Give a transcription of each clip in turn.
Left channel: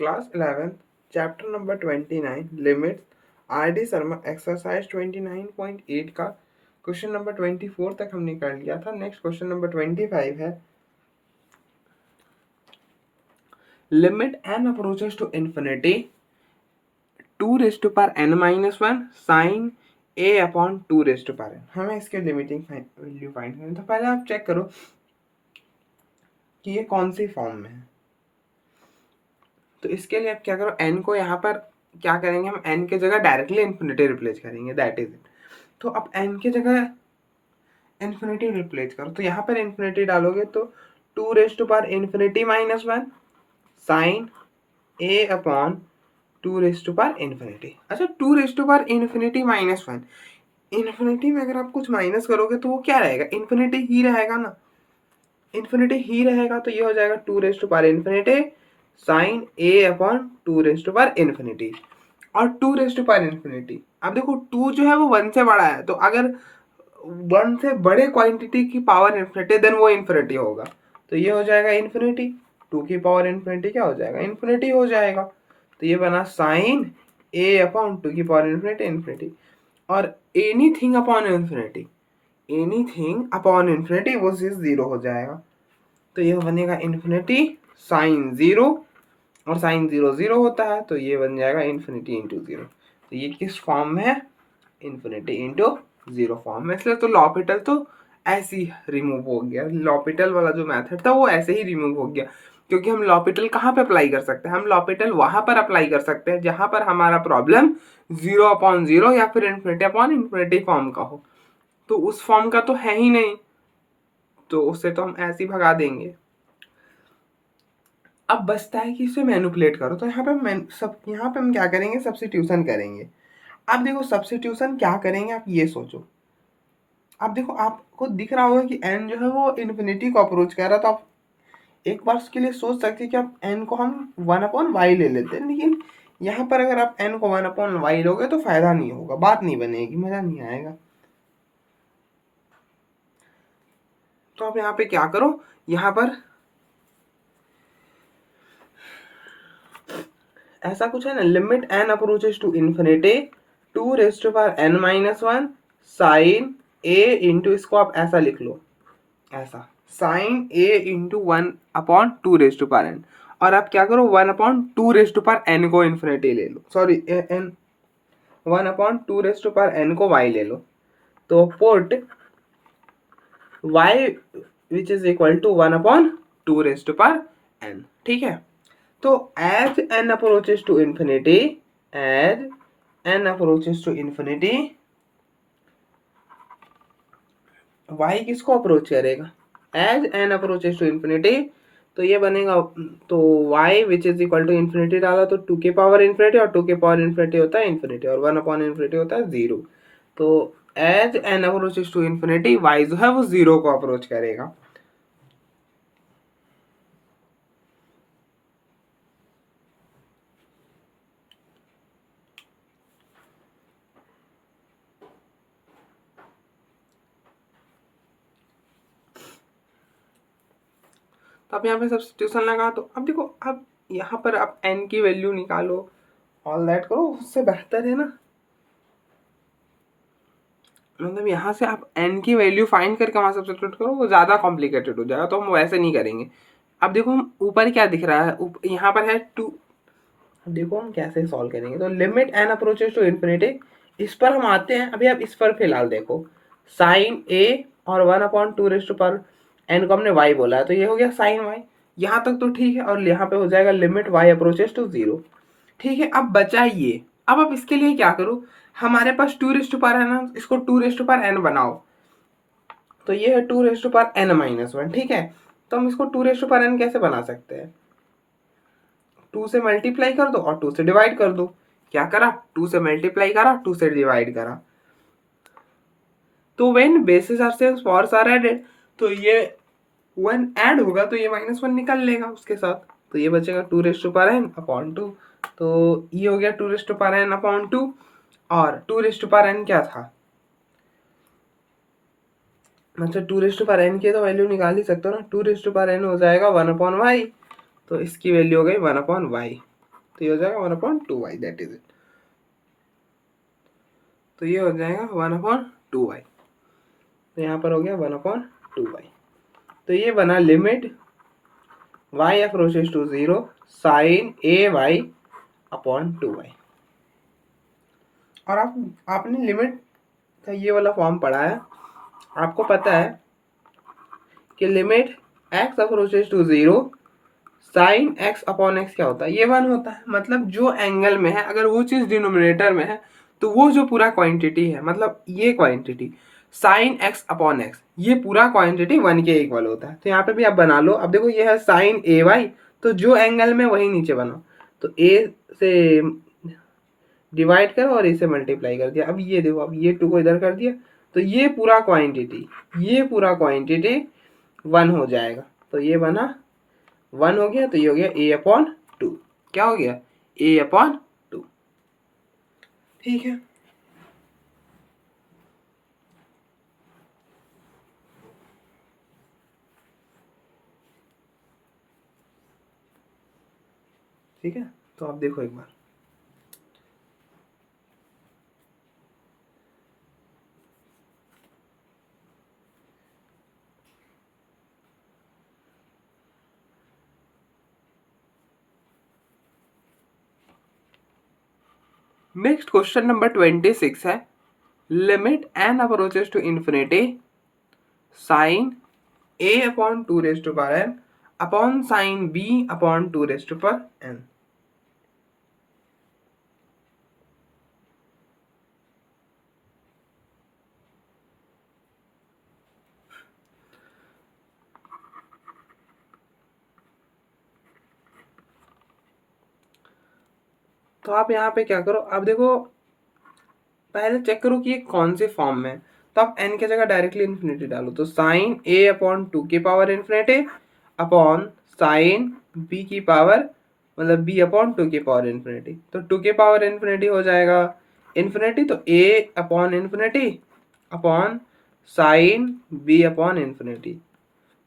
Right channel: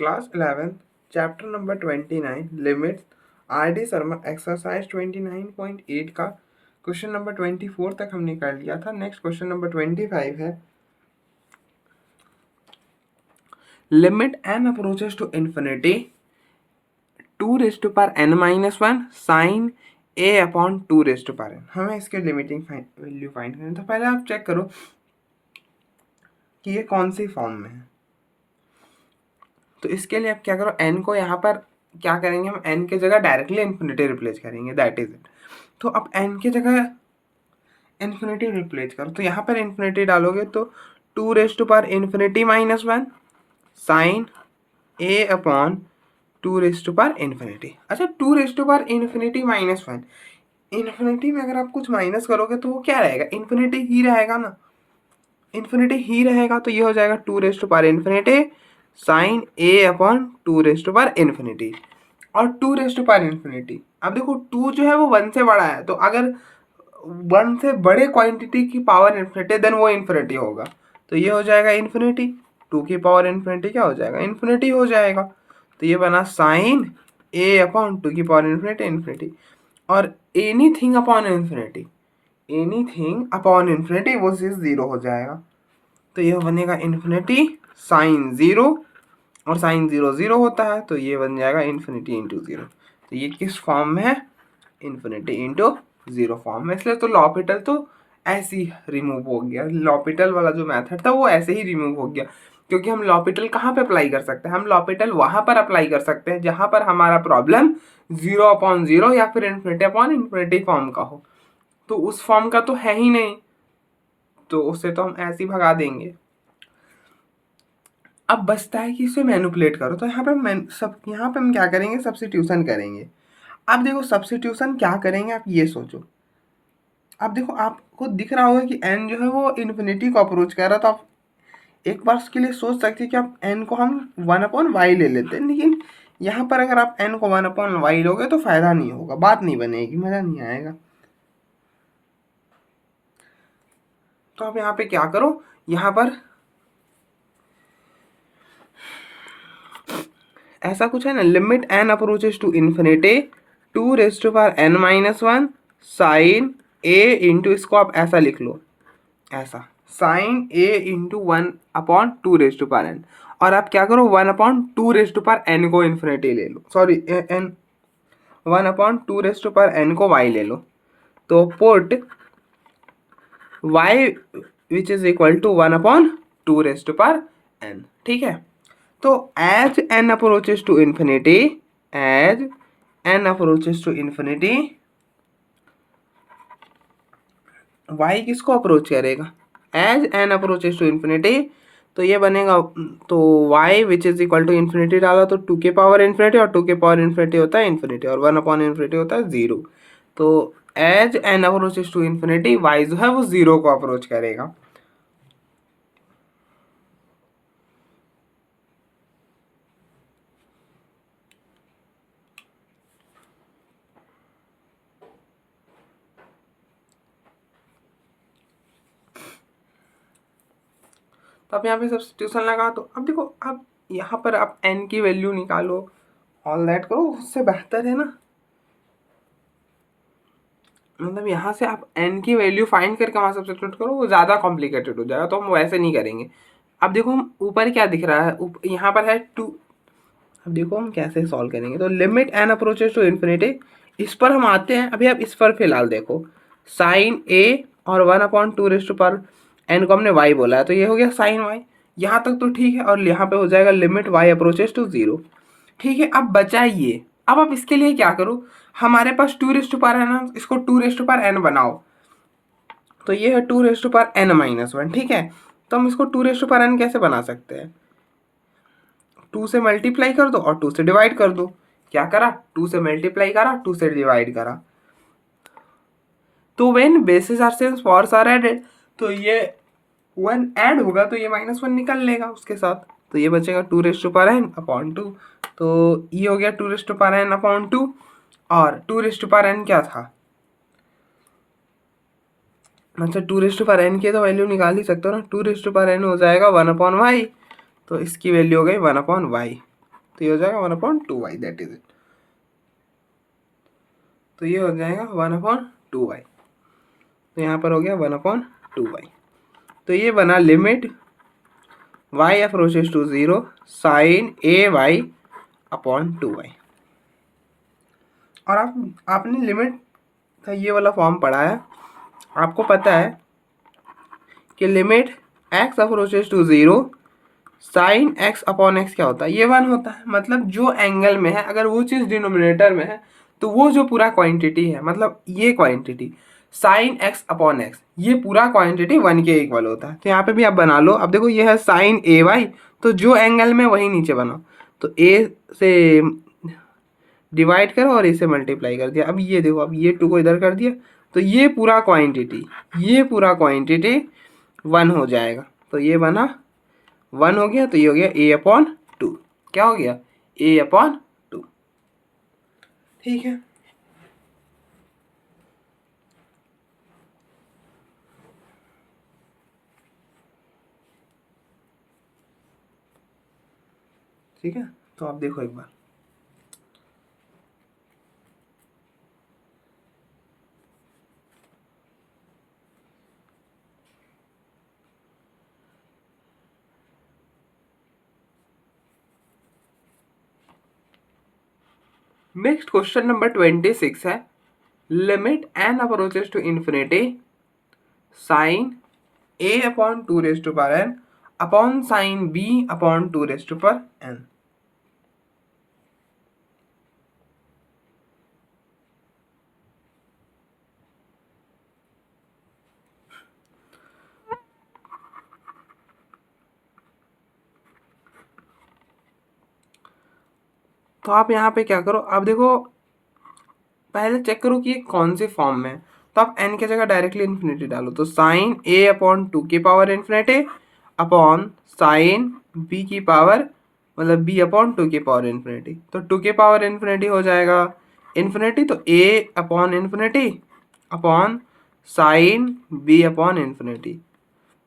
Class 11 chapter number 29 limits R D Sharma exercise 29.8 का question number 24 तक हमने कर लिया था। नेक्स्ट क्वेश्चन नंबर 25 है limit n approaches to infinity 2n-1 sine a upon 2n। हमें इसके लिमिटिंग वैल्यू फाइंड करनी है। तो पहले आप चेक करो कि ये कौन सी फॉर्म में है। तो इसके लिए आप क्या करो, n को यहाँ पर क्या करेंगे, हम n के जगह डायरेक्टली इन्फिनिटी रिप्लेस करेंगे, दैट इज इट। तो अब n के जगह इन्फिनिटी रिप्लेस करो, तो यहाँ पर इन्फिनिटी डालोगे तो 2n-1 sine a upon 2n। अच्छा, 2n-1 इन्फिनिटी में अगर आप कुछ माइनस करोगे तो वो क्या रहेगा, इन्फिनिटी ही रहेगा ना, इन्फिनिटी ही रहेगा। तो ये हो जाएगा 2n sign a upon 2n और 2n। अब देखो 2 जो है वो 1 से बड़ा है, तो अगर 1 से बड़े क्वांटिटी की पावर इन्फिनिटी देन वो इन्फिनिटी होगा। तो ये हो जाएगा इन्फिनिटी, 2 की पावर इन्फिनिटी क्या हो जाएगा, इन्फिनिटी हो जाएगा। तो ये बना साइन a अपॉन 2 की पावर इन्फिनिटी और anything upon infinity, anything upon infinity वो चीज 0 हो जाएगा। तो यह बनेगा इन्फिनिटी साइन 0 और साइन 0 0 होता है, तो ये बन जाएगा इन्फिनिटी इंटू 0। तो ये किस फॉर्म में है, इन्फिनिटी इंटू 0 फॉर्म में। इसलिए तो लॉपिटल तो ऐसे ही रिमूव हो गया, लॉपिटल वाला जो मेथड था वो ऐसे ही रिमूव हो गया, क्योंकि हम लॉपिटल कहाँ पे अप्लाई कर सकते हैं, हम लॉपिटल वहाँ पर अप्लाई कर सकते हैं जहाँ पर हमारा प्रॉब्लम 0/0 या फिर इन्फिनिटी फॉर्म का हो। तो उस फॉर्म का तो है ही नहीं, तो उससे तो हम ऐसे ही भगा देंगे। अब बचता है कि इसे मैनिपुलेट करो, तो यहाँ पे हम क्या करेंगे, सब्स्टिट्यूशन करेंगे। अब देखो सब्स्टिट्यूशन क्या करेंगे, आप ये सोचो। अब देखो आपको दिख रहा होगा कि n जो है वो इन्फिनिटी को अप्रोच कर रहा है, तो आप एक बार उसके लिए सोच सकते हैं कि आप n को हम 1/y ले लेते हैं, लेकिन यहाँ पर अगर आप n को 1/y लोगे तो फायदा नहीं होगा, बात नहीं बनेगी, मजा नहीं आएगा। तो आप यहाँ पे क्या करो, यहाँ पर ऐसा कुछ है ना, limit n approaches to infinity 2n-1 sine a into, इसको आप ऐसा लिख लो, ऐसा साइन a इंटू 1/2n। और आप क्या करो, 1/2n को इन्फिनिटी ले लो, सॉरी n 1/2n को y ले लो। तो put y which is equal to 1/2n, ठीक है। तो as n approaches to infinity, as n approaches to infinity, y किसको अप्रोच करेगा, as n approaches to infinity, तो ये बनेगा, तो y which is equal to infinity डाला तो 2 के पावर इन्फिनिटी, और 2 के पावर इन्फिनिटी होता है इन्फिनिटी, और 1/इन्फिनिटी होता है 0। तो as n approaches to infinity y जो है वो 0 को अप्रोच करेगा। तो अब यहाँ पे सब्स्टिट्यूशन लगा, तो अब देखो, अब यहाँ पर आप n की वैल्यू निकालो, ऑल दैट करो, उससे बेहतर है ना, मतलब यहाँ से आप n की वैल्यू फाइंड करके वहाँ सब्स्टिट्यूट करो, वो ज़्यादा कॉम्प्लिकेटेड हो जाएगा, तो हम वैसे नहीं करेंगे। अब देखो हम ऊपर क्या दिख रहा है, यहाँ पर है 2। अब देखो हम कैसे सॉल्व करेंगे, तो limit n approaches to infinity, इस पर हम आते हैं। अभी आप इस पर फिलहाल देखो, साइन a और 1/2n को हमने y बोला है, तो ये हो गया साइन y, यहाँ तक तो ठीक है, और यहाँ पे हो जाएगा लिमिट y अप्रोचेस टू 0, ठीक है। अब बचा ये, अब आप इसके लिए क्या करो, हमारे पास 2 है ना, इसको 2n बनाओ, तो ये है 2n-1, ठीक है। तो हम इसको 2n कैसे बना सकते हैं, 2 से मल्टीप्लाई कर दो और 2 से डिवाइड कर दो। क्या करा, 2 से मल्टीप्लाई करा, 2 से डिवाइड करा। तो when bases are same powers are added, तो ये 1 ऐड होगा तो ये -1 निकल लेगा उसके साथ, तो ये बचेगा 2n/2। तो ये हो गया 2n/2, और 2n क्या था, मतलब 2n की तो वैल्यू निकाल ही सकते हो ना, 2n हो जाएगा 1/y, तो इसकी वैल्यू हो गई 1/y। तो ये हो जाएगा 1/2y, दैट इज इट। तो ये हो जाएगा 1/2y। तो यहाँ पर हो गया 1/2y। तो ये बना limit y approaches to 0 sine ay/2y। और आपने लिमिट का ये वाला फॉर्म पढ़ा है, आपको पता है कि limit x approaches to 0 sine x/x क्या होता है, ये 1 होता है। मतलब जो एंगल में है, अगर वो चीज़ डिनोमिनेटर में है तो वो जो पूरा क्वांटिटी है, मतलब ये क्वांटिटी साइन x/x, ये पूरा क्वांटिटी 1 के इक्वल होता है। तो यहाँ पे भी आप बना लो। अब देखो ये है साइन ay, तो जो एंगल में वही नीचे बनाओ। तो a से डिवाइड करो और इसे मल्टीप्लाई कर दिया। अब ये देखो, अब ये 2 को इधर कर दिया, तो ये पूरा क्वांटिटी 1 हो जाएगा। तो ये बना 1 हो गया, तो ये हो गया a/2। क्या हो गया? a/2। ठीक है। ठीक है, तो आप देखो एक बार। नेक्स्ट क्वेश्चन नंबर 26 है, limit n approaches to infinity sine a/2n upon sine b/2n। तो आप यहाँ पे क्या करो, आप देखो पहले चेक करो कि ये कौन से फॉर्म में है। तो आप n की जगह डायरेक्टली इन्फिनिटी डालो, तो साइन a/2 की power infinity upon sine b की पावर, मतलब b/2 की पावर इन्फिनिटी। तो 2 की पावर इन्फिनिटी हो जाएगा इन्फिनिटी, तो a/इन्फिनिटी अपॉन साइन b/इन्फिनिटी।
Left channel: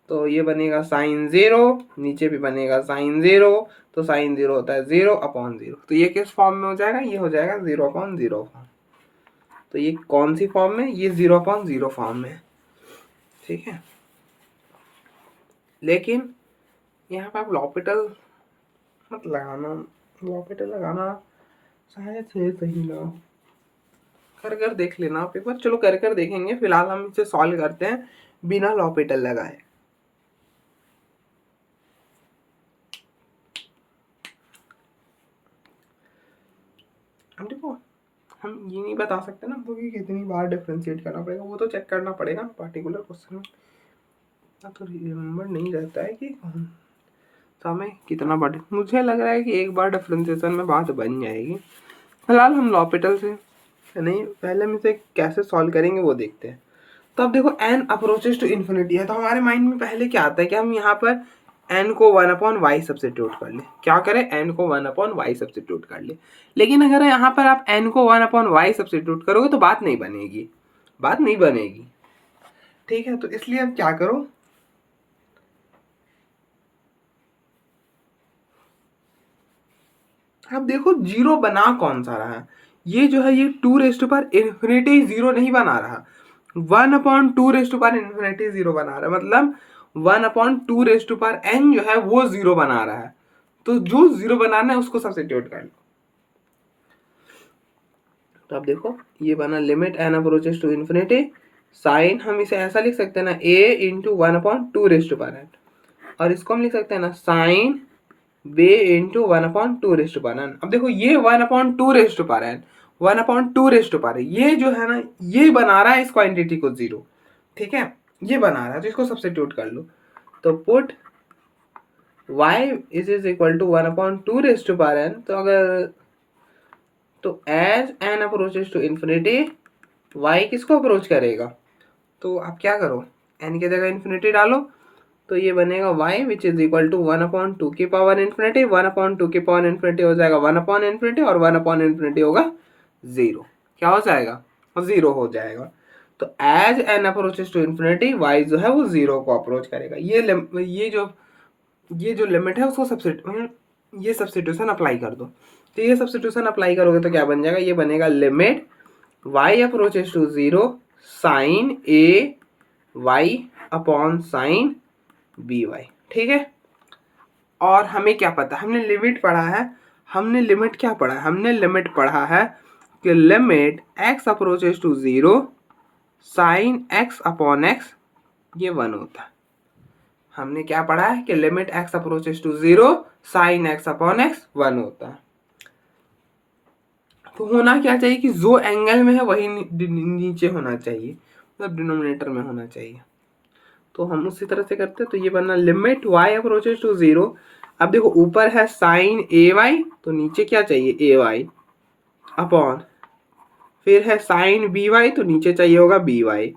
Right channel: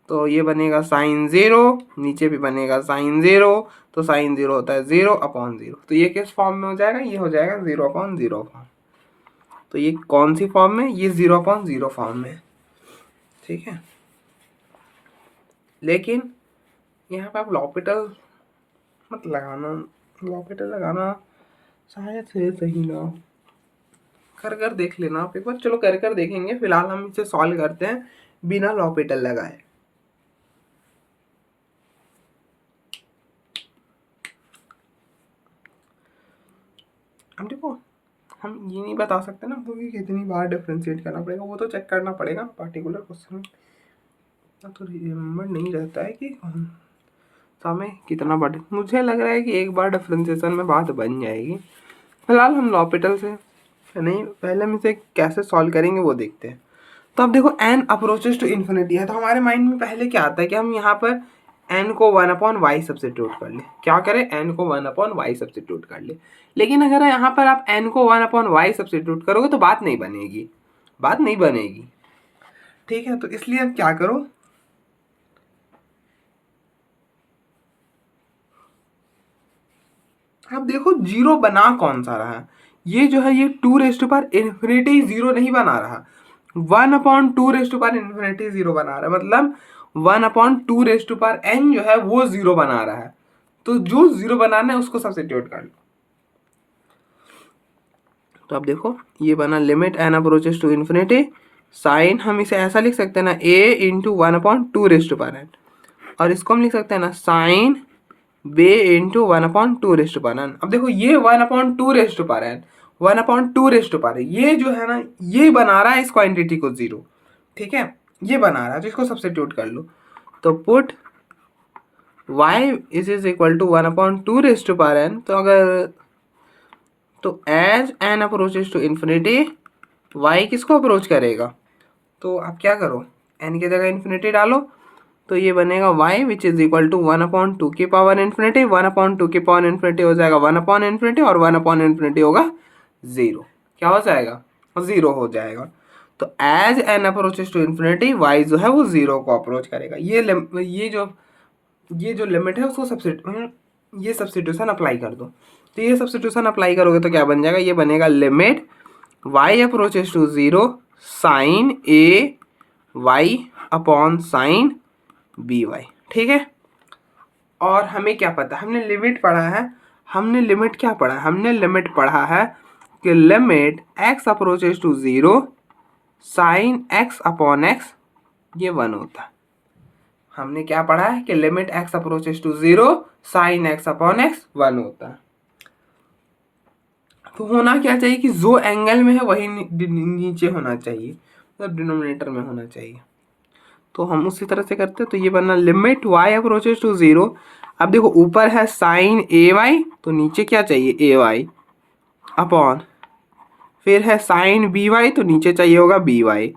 तो ये बनेगा साइन 0, नीचे भी बनेगा साइन 0, तो साइन 0 होता है 0/0। तो ये किस फॉर्म में हो जाएगा? ये हो जाएगा 0/0 फॉर्म। तो ये कौन सी फॉर्म में? ये 0/0 फॉर्म में। ठीक है, लेकिन यहाँ पे आप लॉपिटल मत लगाना, लॉपिटल लगाना शायद से सही ना हो। कर कर देख लेना आप एक बार। चलो कर कर देखेंगे, फिलहाल हम इसे सॉल्व करते हैं बिना लॉपिटल लगाए। हम देखो, हम ये नहीं बता सकते ना हमको कि कितनी बार डिफ्रेंशिएट करना पड़ेगा, वो तो चेक करना पड़ेगा पार्टिकुलर क्वेश्चन में। तो रिमेम्बर नहीं रहता है कि समय कितना बार। मुझे लग रहा है कि एक बार डिफ्रेंशिएशन में बात बन जाएगी। फिलहाल हम लॉपिटल से नहीं, पहले हम इसे कैसे सॉल्व करेंगे वो देखते हैं। तो अब देखो n अप्रोचेस टू इन्फिनिटी है, तो हमारे माइंड में पहले क्या आता है कि हम यहाँ पर n को 1/y सब्स्टिट्यूट कर ले। क्या करें? n को 1/y सब्स्टिट्यूट कर ले। लेकिन अगर यहाँ पर आप n को 1/y सब्स्टिट्यूट करोगे तो बात नहीं बनेगी, बात नहीं बनेगी। ठीक है, तो इसलिए अब क्या करो, अब देखो जीरो बना कौन सा रहा है? ये जो है ये 2⁻∞ जीरो नहीं बना रहा, 1/2⁻∞ जीरो बना रहा है। मतलब 1/2n जो है वो जीरो बना रहा है। तो जो जीरो बनाना है उसको सब्स्टिट्यूट कर लो। तो अब देखो ये बना limit n approaches to infinity sine, हम इसे ऐसा लिख सकते हैं ना a/1/2n, और इसको हम लिख सकते हैं ना साइन b/1/2n। अब देखो ये 1/2n 1/2 ये जो है ना ये बना रहा है इस क्वांटिटी को जीरो। ठीक है, ये बना रहा है, तो इसको सब्स्टिट्यूट कर लो। तो put y is equal to 1/2n। तो अगर तो as n approaches to infinity y किसको अप्रोच करेगा? तो आप क्या करो, n की जगह इन्फिनिटी डालो, तो ये बनेगा y which is equal to 1/2 की पावर इन्फिनिटी, 1/2 की पावर इन्फिनिटी हो जाएगा 1/∞, और 1/∞ होगा 0। क्या हो जाएगा? 0 हो जाएगा। तो as n approaches to infinity y जो है वो 0 को अप्रोच करेगा। ये जो लिमिट है उसको ये सब्स्टिट्यूशन अप्लाई कर दो। तो ये सब्स्टिट्यूशन अप्लाई करोगे तो क्या बन जाएगा, ये बनेगा limit y approaches to 0 sine a y upon sine b y. ठीक है, और हमें क्या पता, हमने लिमिट पढ़ा है, हमने लिमिट क्या पढ़ा है, हमने लिमिट पढ़ा है कि limit x approaches to 0 sine x upon x ये 1 होता है। हमने क्या पढ़ा है कि limit x approaches to 0 sine x upon x 1 होता है। तो होना क्या चाहिए कि जो एंगल में है वही नीचे होना चाहिए, मतलब डिनोमिनेटर में होना चाहिए। तो हम उसी तरह से करते हैं। तो ये बना लिमिट y अप्रोचेस टू 0। अब देखो ऊपर है साइन ए वाई, तो नीचे क्या चाहिए ए वाई अपॉन, फिर है साइन बी वाई, तो नीचे चाहिए होगा बी वाई।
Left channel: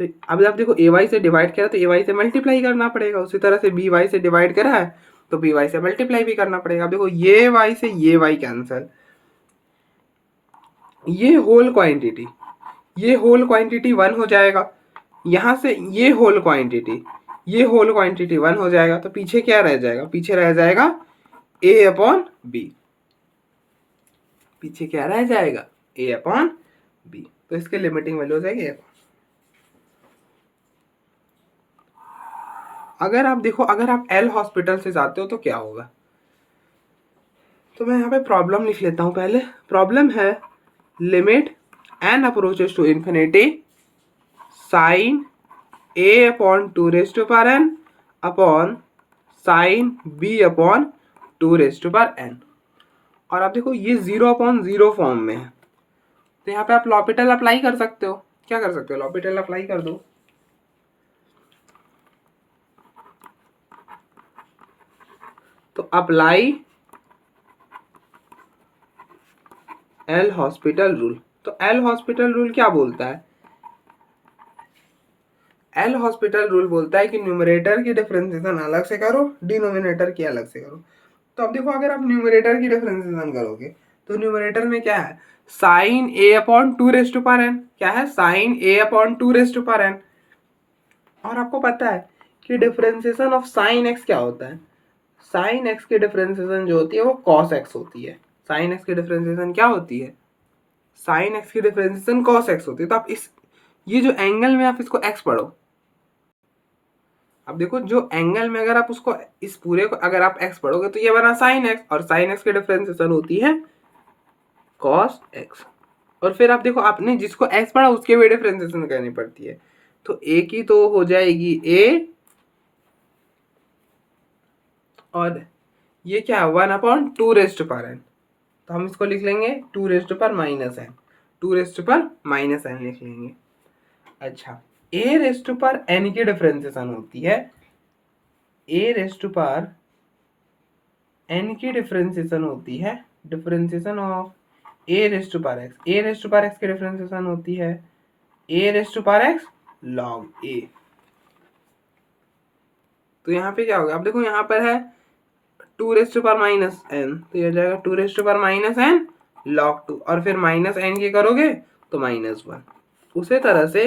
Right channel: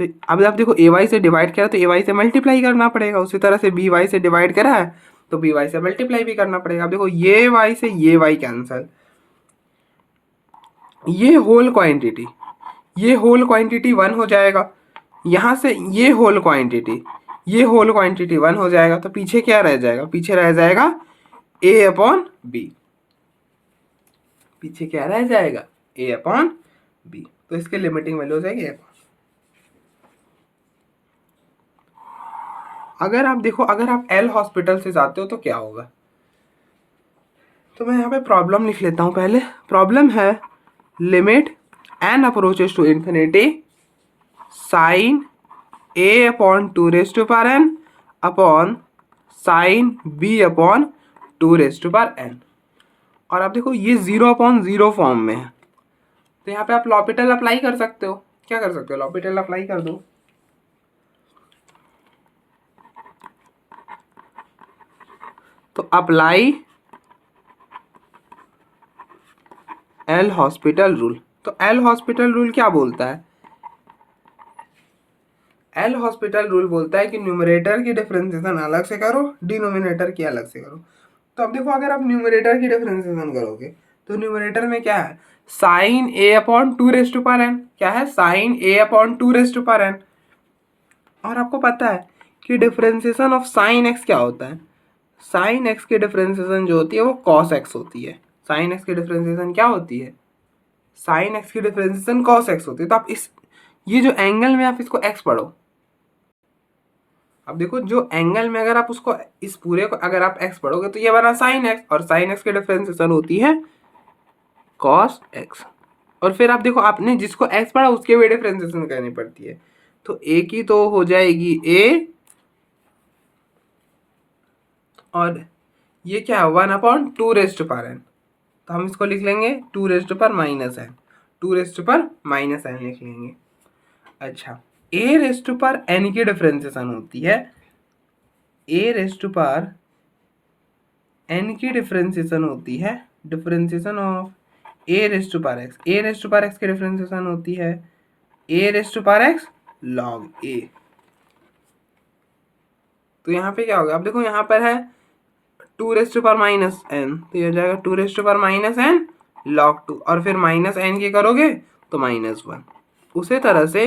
तो अब आप देखो ए वाई से डिवाइड करा तो ए वाई से मल्टीप्लाई करना पड़ेगा, उसी तरह से बी वाई से डिवाइड करा है तो बी वाई से मल्टीप्लाई भी करना पड़ेगा। अब देखो ये वाई से ये वाई कैंसल, ये होल क्वांटिटी, ये होल क्वांटिटी 1 हो जाएगा, यहाँ से ये होल क्वांटिटी, ये होल क्वांटिटी 1 हो जाएगा। तो पीछे क्या रह जाएगा, पीछे रह जाएगा ए अपॉन बी, पीछे क्या रह जाएगा ए अपॉन बी। तो इसके लिमिटिंग वैल्यू हो जाएगी ए। अगर आप देखो, अगर आप एल हॉस्पिटल से जाते हो तो क्या होगा, तो मैं यहाँ पे प्रॉब्लम लिख लेता हूँ पहले। प्रॉब्लम है limit n approaches to infinity sine a upon 2 raise to power n upon sine b upon 2 raise to power n. और आप देखो ये 0/0 फॉर्म में है, तो यहाँ पे आप लॉपिटल अप्लाई कर सकते हो। क्या कर सकते हो, लॉपिटल अप्लाई कर दो। तो अप्लाई एल हॉस्पिटल रूल। तो एल हॉस्पिटल रूल क्या बोलता है, एल हॉस्पिटल रूल बोलता है कि न्यूमरेटर की डिफरेंशिएशन अलग से करो, डिनोमिनेटर की अलग से करो। तो अब देखो अगर आप न्यूमरेटर की डिफरेंशिएशन करोगे तो न्यूमरेटर में क्या है, sine a upon 2 raise to power n, क्या है sine a upon 2 raise to power n. और आपको पता है कि डिफरेंशिएशन ऑफ साइन एक्स क्या होता है, साइन एक्स की डिफरेंशिएशन जो होती है वो कॉस एक्स होती है। साइन एक्स की डिफरेंशिएशन क्या होती है, साइन एक्स की डिफरेंशिएशन कॉस एक्स होती है। तो आप इस, ये जो एंगल में आप इसको एक्स पढ़ो। अब देखो जो एंगल में अगर आप उसको, इस पूरे को अगर आप एक्स पढ़ोगे तो ये बना साइन एक्स, और साइन एक्स की डिफरेंशिएशन होती है कॉस एक्स। और फिर आप देखो आपने जिसको एक्स पढ़ा उसके भी डिफरेंशिएशन करनी पड़ती है। तो ए की तो हो जाएगी ए, और ये क्या है 1/2 रेज टू पावर एन। तो हम इसको लिख लेंगे 2 raise to power minus N, 2 raise to power minus N लिख लेंगे। अच्छा, A raise to power N की डिफरेंशिएशन होती है, A raise to power N की डिफरेंशिएशन होती है, differentiation of A raise to power X, A raise to power X की डिफरेंशिएशन होती है A raise to power X log A. तो यहाँ पे क्या होगा, अब देखो यहाँ पर है 2 raise to power minus n, तो ये हो जाएगा 2 raise to power minus N log 2, और फिर माइनस एन के करोगे तो -1। उसी तरह से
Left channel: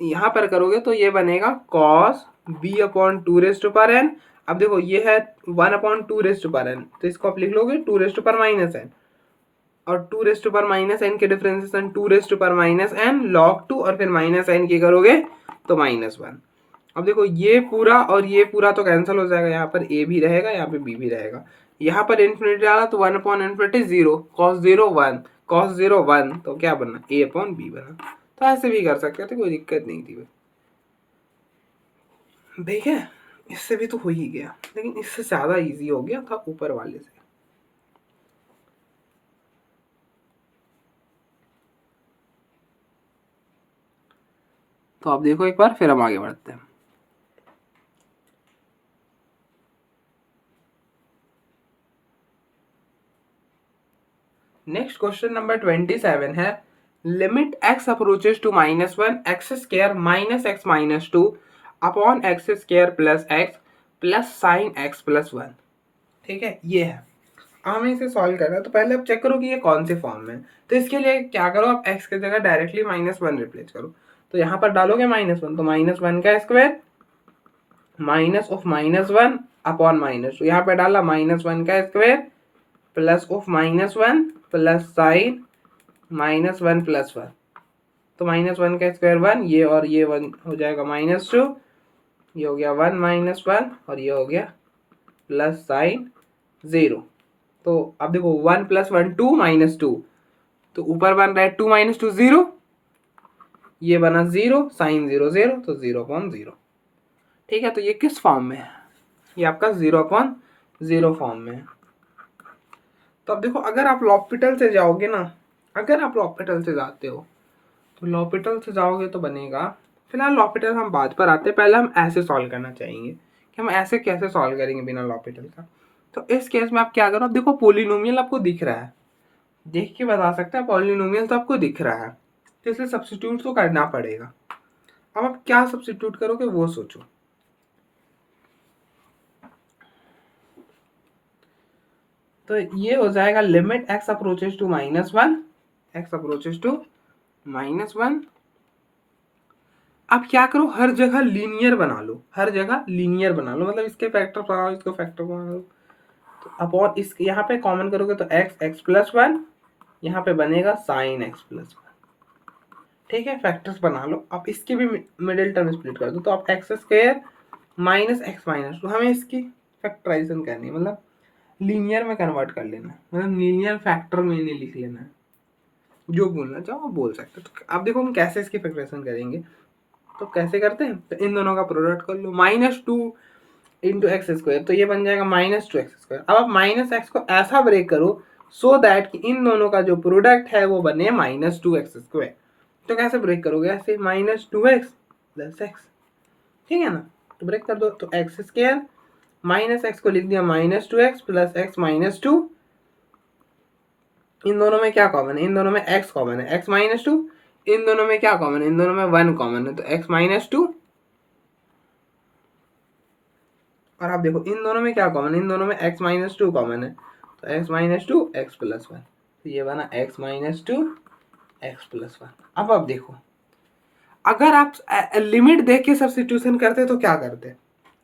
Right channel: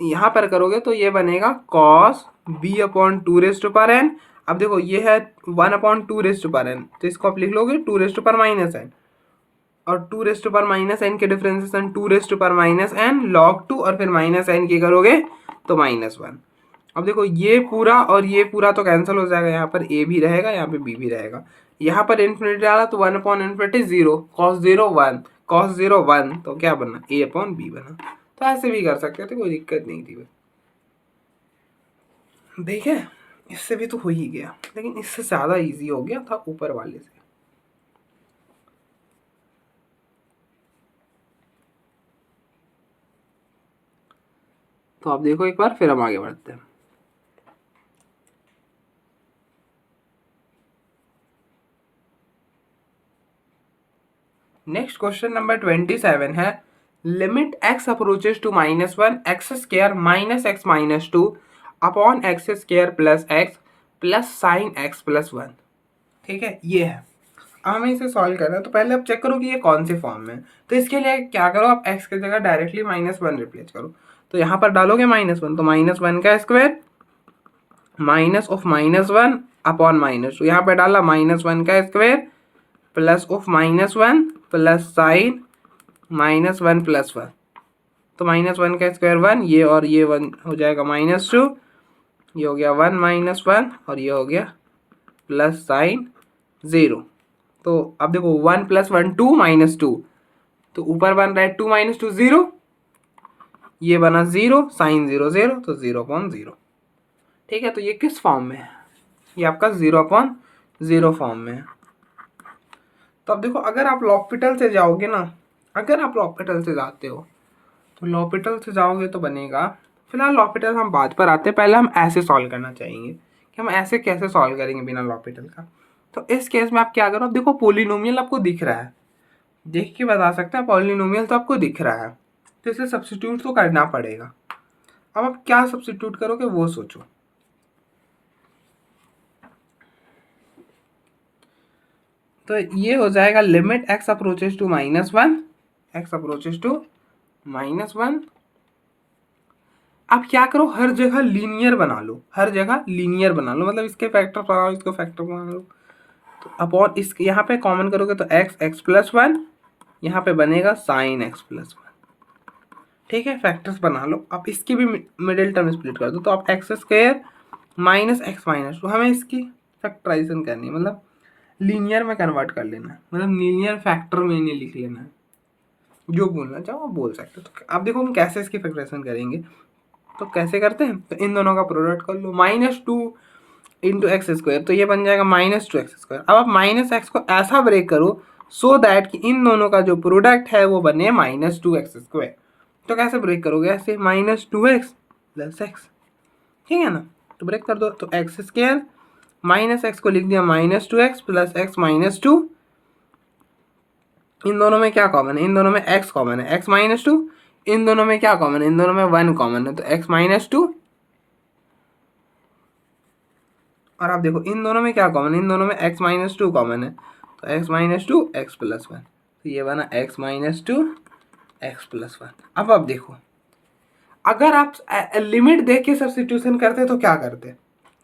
यहाँ पर करोगे तो ये बनेगा cos b upon 2 raise to power n. अब देखो ये है 1/2 रेज टू पावर एन, तो इसको आप लिख लोगे 2 raise to power minus N, और 2 raise to power minus N के differentiation 2 raise to power minus N log 2, और फिर माइनस एन की करोगे तो -1। अब देखो ये पूरा और ये पूरा तो कैंसिल हो जाएगा, यहाँ पर ए भी रहेगा, यहाँ पे बी भी रहेगा। यहाँ पर इन्फिनिटी आला तो 1/∞ 0, cos 0 1, cos 0 1, तो क्या बना ए अपॉन बी बना। तो ऐसे भी कर सकते थे, कोई दिक्कत नहीं थी। देखे, इससे भी तो हो ही गया, लेकिन इससे ज़्यादा इजी हो गया था ऊपर वाले से। तो आप देखो एक बार, फिर हम आगे बढ़ते हैं। नेक्स्ट क्वेश्चन नंबर 27 है limit x approaches to -1 x square minus x minus 2 upon x square plus x plus sine x plus 1। ठीक है, ये है। अब हमें इसे सॉल्व करना है, तो पहले आप चेक करो कि ये कौन से फॉर्म में है। तो इसके लिए क्या करो, आप x की जगह डायरेक्टली -1 रिप्लेस करो। तो यहाँ पर डालोगे -1, तो -1 का स्क्वायर माइनस ऑफ -1 अपॉन -2, यहाँ पे डाला -1 का square plus of -1 plus sign -1 plus 1, तो -1 का स्क्वायर 1, ये और ये 1 हो जाएगा -2, ये हो गया 1 -1 और ये हो गया प्लस साइन 0। तो अब देखो 1 + 1 2 -2, तो ऊपर बन रहा है 2 - 2 0, ये बना 0, साइन 0 0, तो 0/0। ठीक है, तो ये किस फॉर्म में है? ये आपका 0/0 फॉर्म में है। तो अब देखो अगर आप लॉपिटल से जाओगे ना, अगर आप लॉपिटल से जाते हो तो लॉपिटल से जाओगे तो बनेगा, फिलहाल लॉपिटल हम बाद पर आते हैं, पहले हम ऐसे सॉल्व करना चाहेंगे कि हम ऐसे कैसे सॉल्व करेंगे बिना लॉपिटल का। तो इस केस में आप क्या करो, अब देखो पोलिनोमियल आपको दिख रहा है, देख के बता सकते हैं पॉलिनोमियल तो आपको दिख रहा है, तो इसलिए सब्स्टिट्यूट तो करना पड़ेगा। अब आप क्या सब्स्टिट्यूट करोगे वो सोचो। तो ये हो जाएगा limit x approaches to -1, x approaches to -1। आप क्या करो, हर जगह लीनियर बना लो, हर जगह लीनियर बना लो, मतलब इसके फैक्टर बनाओ, इसको फैक्टर बना लो। तो अपॉन इस यहाँ पे कॉमन करोगे तो x + 1, यहाँ पे बनेगा sin x + 1। ठीक है, फैक्टर्स बना लो। आप इसकी भी मिडिल टर्म स्प्लिट कर दो, तो आप x² - x - 2, हमें इसकी फैक्टराइजेशन करनी है, मतलब लीनियर में कन्वर्ट कर लेना है, मतलब लीनियर फैक्टर में नहीं लिख लेना है। जो बोलना चाहो आप बोल सकते हो। तो आप देखो हम कैसे इसकी फैक्टराइजेशन करेंगे, तो कैसे करते हैं, तो इन दोनों का प्रोडक्ट कर लो, -2 × x², तो ये बन जाएगा -2x²। अब आप -x को ऐसा ब्रेक करो सो दैट कि इन दोनों का जो प्रोडक्ट है वो बने -2x²। तो कैसे ब्रेक करोगे, ऐसे -2x + x, ठीक है ना। तो ब्रेक कर दो, तो x² -x को लिख दिया -2x + x - 2। इन दोनों में क्या कॉमन है, इन दोनों में x कॉमन है, x - 2। इन दोनों में क्या कॉमन है, इन दोनों में 1 कॉमन है, तो x - 2। और आप देखो इन दोनों में क्या कॉमन है, इन दोनों में x - 2 कॉमन है, तो x - 2 x + 1, तो ये बना x - 2 x + 1। अब आप देखो अगर आप लिमिट देख के सब्स्टिट्यूशन करते तो क्या करते,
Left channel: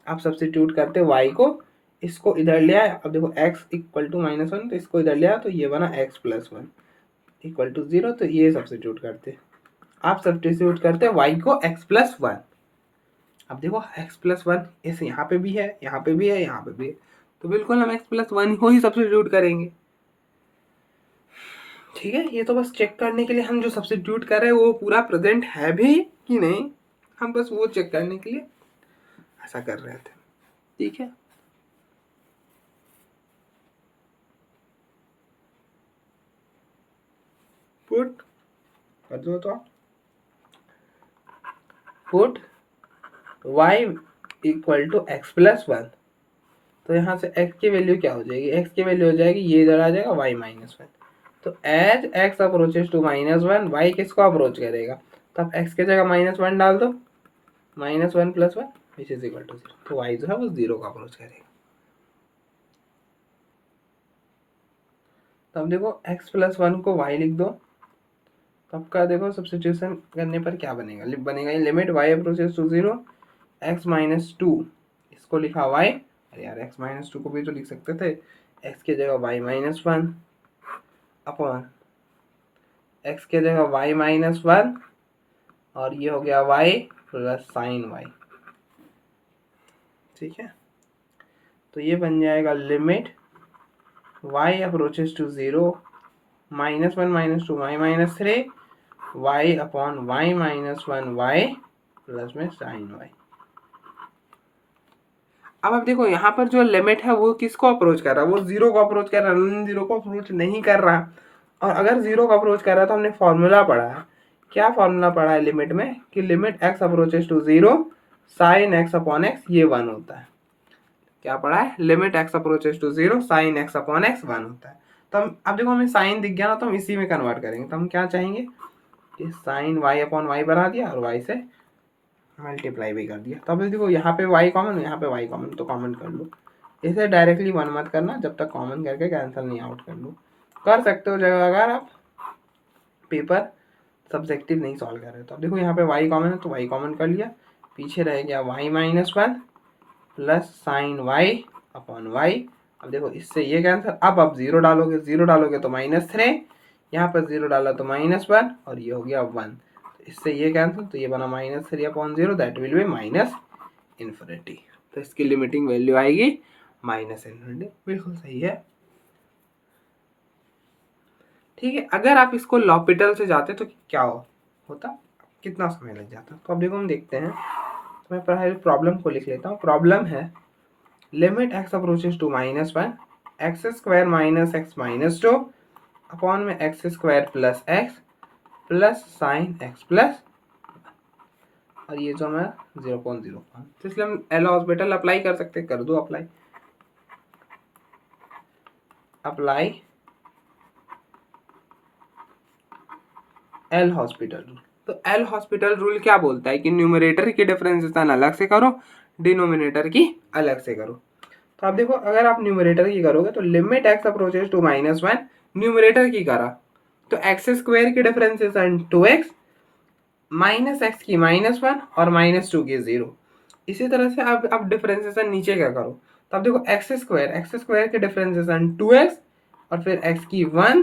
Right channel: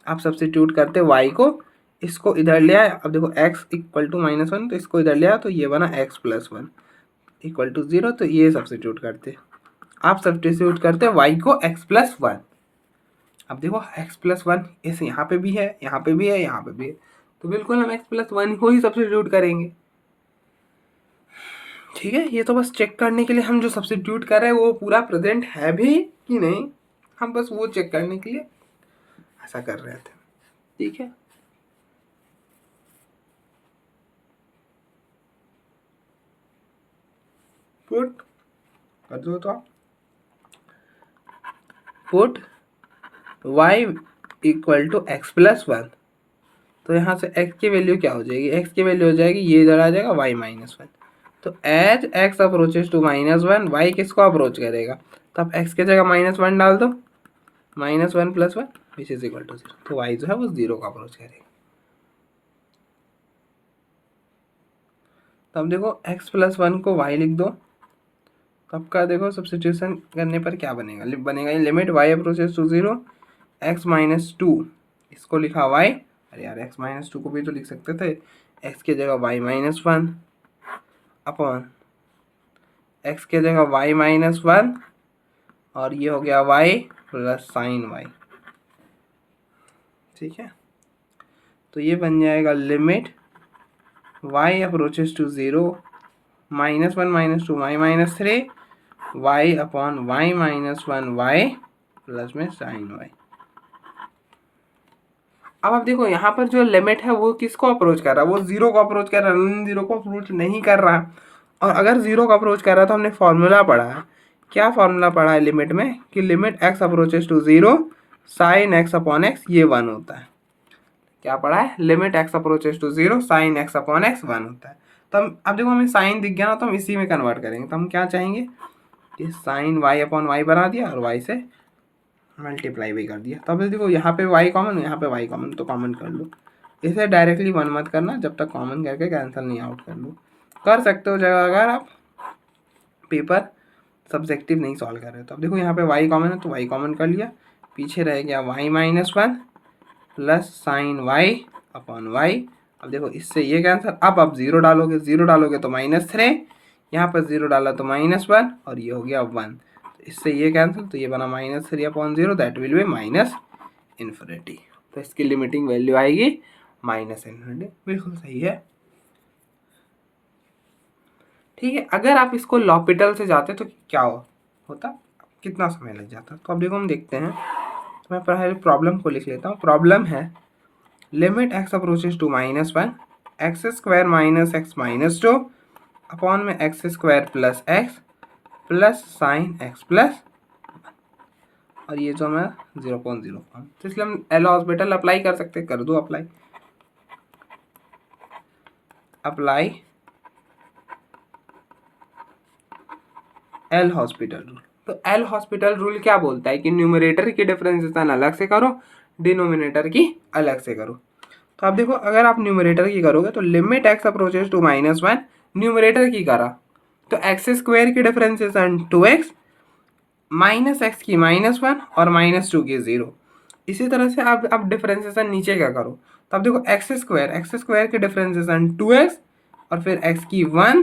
आप सब्स्टिट्यूट करते y को, इसको इधर ले आए, अब देखो x = -1, तो इसको इधर ले आए, तो ये बना x + 1 = 0, तो ये सब्स्टिट्यूट करते, आप सब्स्टिट्यूट करते y को x + 1। अब देखो x + 1 ऐसे यहाँ पे भी है, यहाँ पे भी है, यहाँ पे भी है, तो बिल्कुल हम x + 1 को ही सब्स्टिट्यूट करेंगे। ठीक है, ये तो बस चेक करने के लिए हम जो सब्स्टिट्यूट कर रहे हैं वो पूरा प्रेजेंट है भी कि नहीं, हम बस वो चेक करने के लिए ऐसा कर रहे थे। ठीक है, पुट कर दो, तो आप पुट y = x + 1, तो यहाँ से x की वैल्यू क्या हो जाएगी, x की वैल्यू हो जाएगी, ये इधर आ जाएगा y - 1। तो as x approaches to -1, y किसको अप्रोच करेगा, तो आप x की जगह -1 डाल दो, -1 + 1 विच इज इक्वल टू 0, तो y जो है वो 0 का अप्रोच करेगा। तो अब देखो x + 1 को y लिख दो, तो आपका देखो सब्स्टिट्यूशन करने पर क्या बनेगा, बनेगा ये limit y approaches to 0 x - 2, इसको लिखा y, अरे यार x - 2 को भी तो लिख सकते थे, x की जगह y - 1 अपॉन x की जगह y - 1, और ये हो गया y + sin y। ठीक है, तो ये बन जाएगा limit y approaches to 0 -1 - 2 y - 3 y upon y - 1 y plus में sin y। अब आप देखो यहाँ पर जो लिमिट है वो किसको अप्रोच कर रहा है, वो 0 को अप्रोच कर रहा है, नॉन 0 को अप्रोच नहीं कर रहा है। और अगर 0 को अप्रोच कर रहा है तो हमने फॉर्मूला पढ़ा है, क्या फॉर्मूला पढ़ा है लिमिट में, कि limit x approaches to 0 sin x upon x ये 1 होता है। क्या पढ़ा है, limit x approaches to 0 sin x upon x 1 होता है। तो हम अब देखो हमें साइन दिख गया ना, तो हम इसी में कन्वर्ट करेंगे, तो हम क्या चाहेंगे कि साइन y अपॉन y बना दिया और y से मल्टीप्लाई भी कर दिया। तब देखो यहाँ पे y कॉमन, यहाँ पे y कॉमन, तो कॉमन कर लो, इसे डायरेक्टली 1 मत करना, जब तक कॉमन करके कैंसिल नहीं आउट कर लो। कर सकते हो जगह अगर आप पेपर सब्जेक्टिव नहीं सॉल्व कर रहे, तो अब देखो यहाँ पे y कॉमन है तो y कॉमन कर लिया, पीछे रह गया y - 1 plus sine y upon y. अब देखो इससे ये कैंसिल, अब आप जीरो डालोगे तो -3, यहाँ पर जीरो डाला तो -1 और ये हो गया 1, तो इससे ये कैंसिल, तो ये बना -3/0, दैट विल बी -इन्फिनिटी। तो इसकी लिमिटिंग वैल्यू आएगी -इन्फिनिटी। बिल्कुल सही है। ठीक है, अगर आप इसको लॉपिटल से जाते तो क्या होता, कितना समय लग जाता। तो अब देखो हम देखते हैं, तो मैं पहले प्रॉब्लम को लिख लेता हूँ। प्रॉब्लम है limit x approaches to -1 x² minus x -2 upon में x² plus x plus sine x plus, और ये जो मैं 0.05, तो इसलिए हम एल हॉस्पिटल अप्लाई कर सकते हैं। कर दो अप्लाई एल हॉस्पिटल रूल। तो एल हॉस्पिटल रूल क्या बोलता है कि न्यूमरेटर की डिफरेंशिएशन अलग से करो, डिनोमिनेटर की अलग से करो। तो आप देखो, अगर आप न्यूमरेटर की करोगे तो limit x approaches to -1, numerator की करा तो x² की डिफरेंशिएशन 2x, -x की -1 और -2 की 0। इसी तरह से आप डिफरेंशिएशन नीचे क्या करो, तो आप देखो x² की डिफरेंशिएशन 2x और फिर x की 1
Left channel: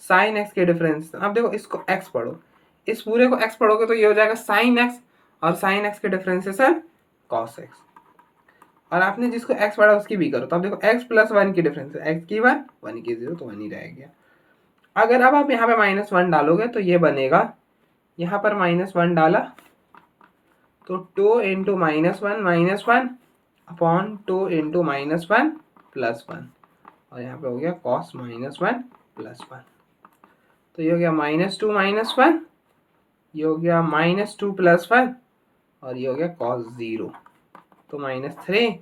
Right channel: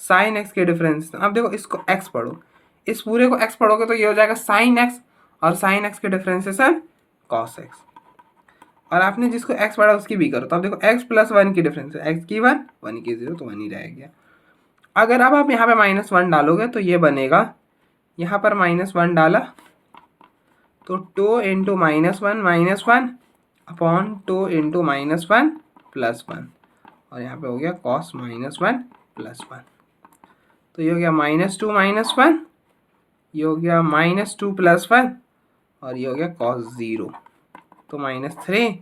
साइन x के डिफरेंशिएशन। अब देखो इसको x पढ़ो, इस पूरे को x पढ़ोगे तो ये हो जाएगा साइन x, और साइन x के डिफरेंशिएशन cos x, और आपने जिसको x पढ़ा उसकी भी करो। तो अब देखो x प्लस 1 की डिफरेंस है, x की 1 1 की 0, तो 1 ही रह गया। अगर अब आप यहाँ पे -1 डालोगे तो ये बनेगा, यहाँ पर -1 डाला तो 2 इंटू -1 अपॉन 2 इंटू -1 प्लस 1, और यहाँ पे हो गया cos -1 प्लस 1, तो ये हो गया -2 -1, ये हो गया -2 प्लस 1, और ये हो गया cos 0, तो -3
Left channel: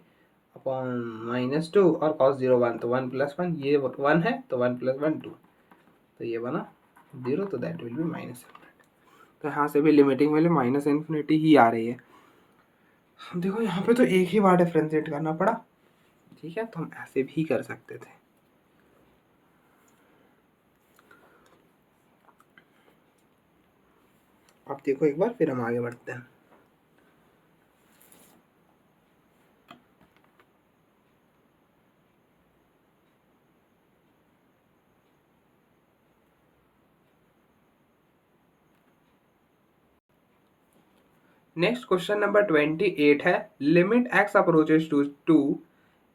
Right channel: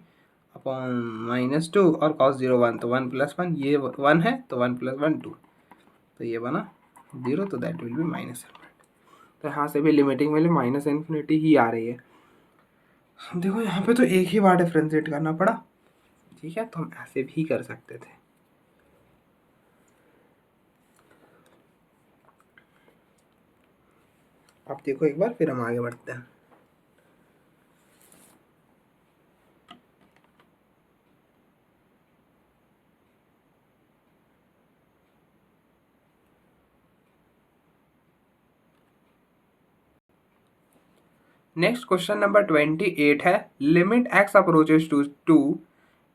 अपॉन -2 और cos 0 1, तो 1 प्लस 1, ये 1 है तो 1 प्लस 1 2, तो ये बना 0, तो दैट विल बी -इन्फिनिटी। तो यहाँ से भी लिमिटिंग वैल्यू -इन्फिनिटी ही आ रही है। देखो यहाँ पे तो एक ही बार डिफ्रेंशिएट करना पड़ा, ठीक है, तो हम ऐसे भी कर सकते थे। आप देखो एक बार, फिर हम आगे बढ़ते हैं। नेक्स्ट क्वेश्चन नंबर 28 है, limit x approaches to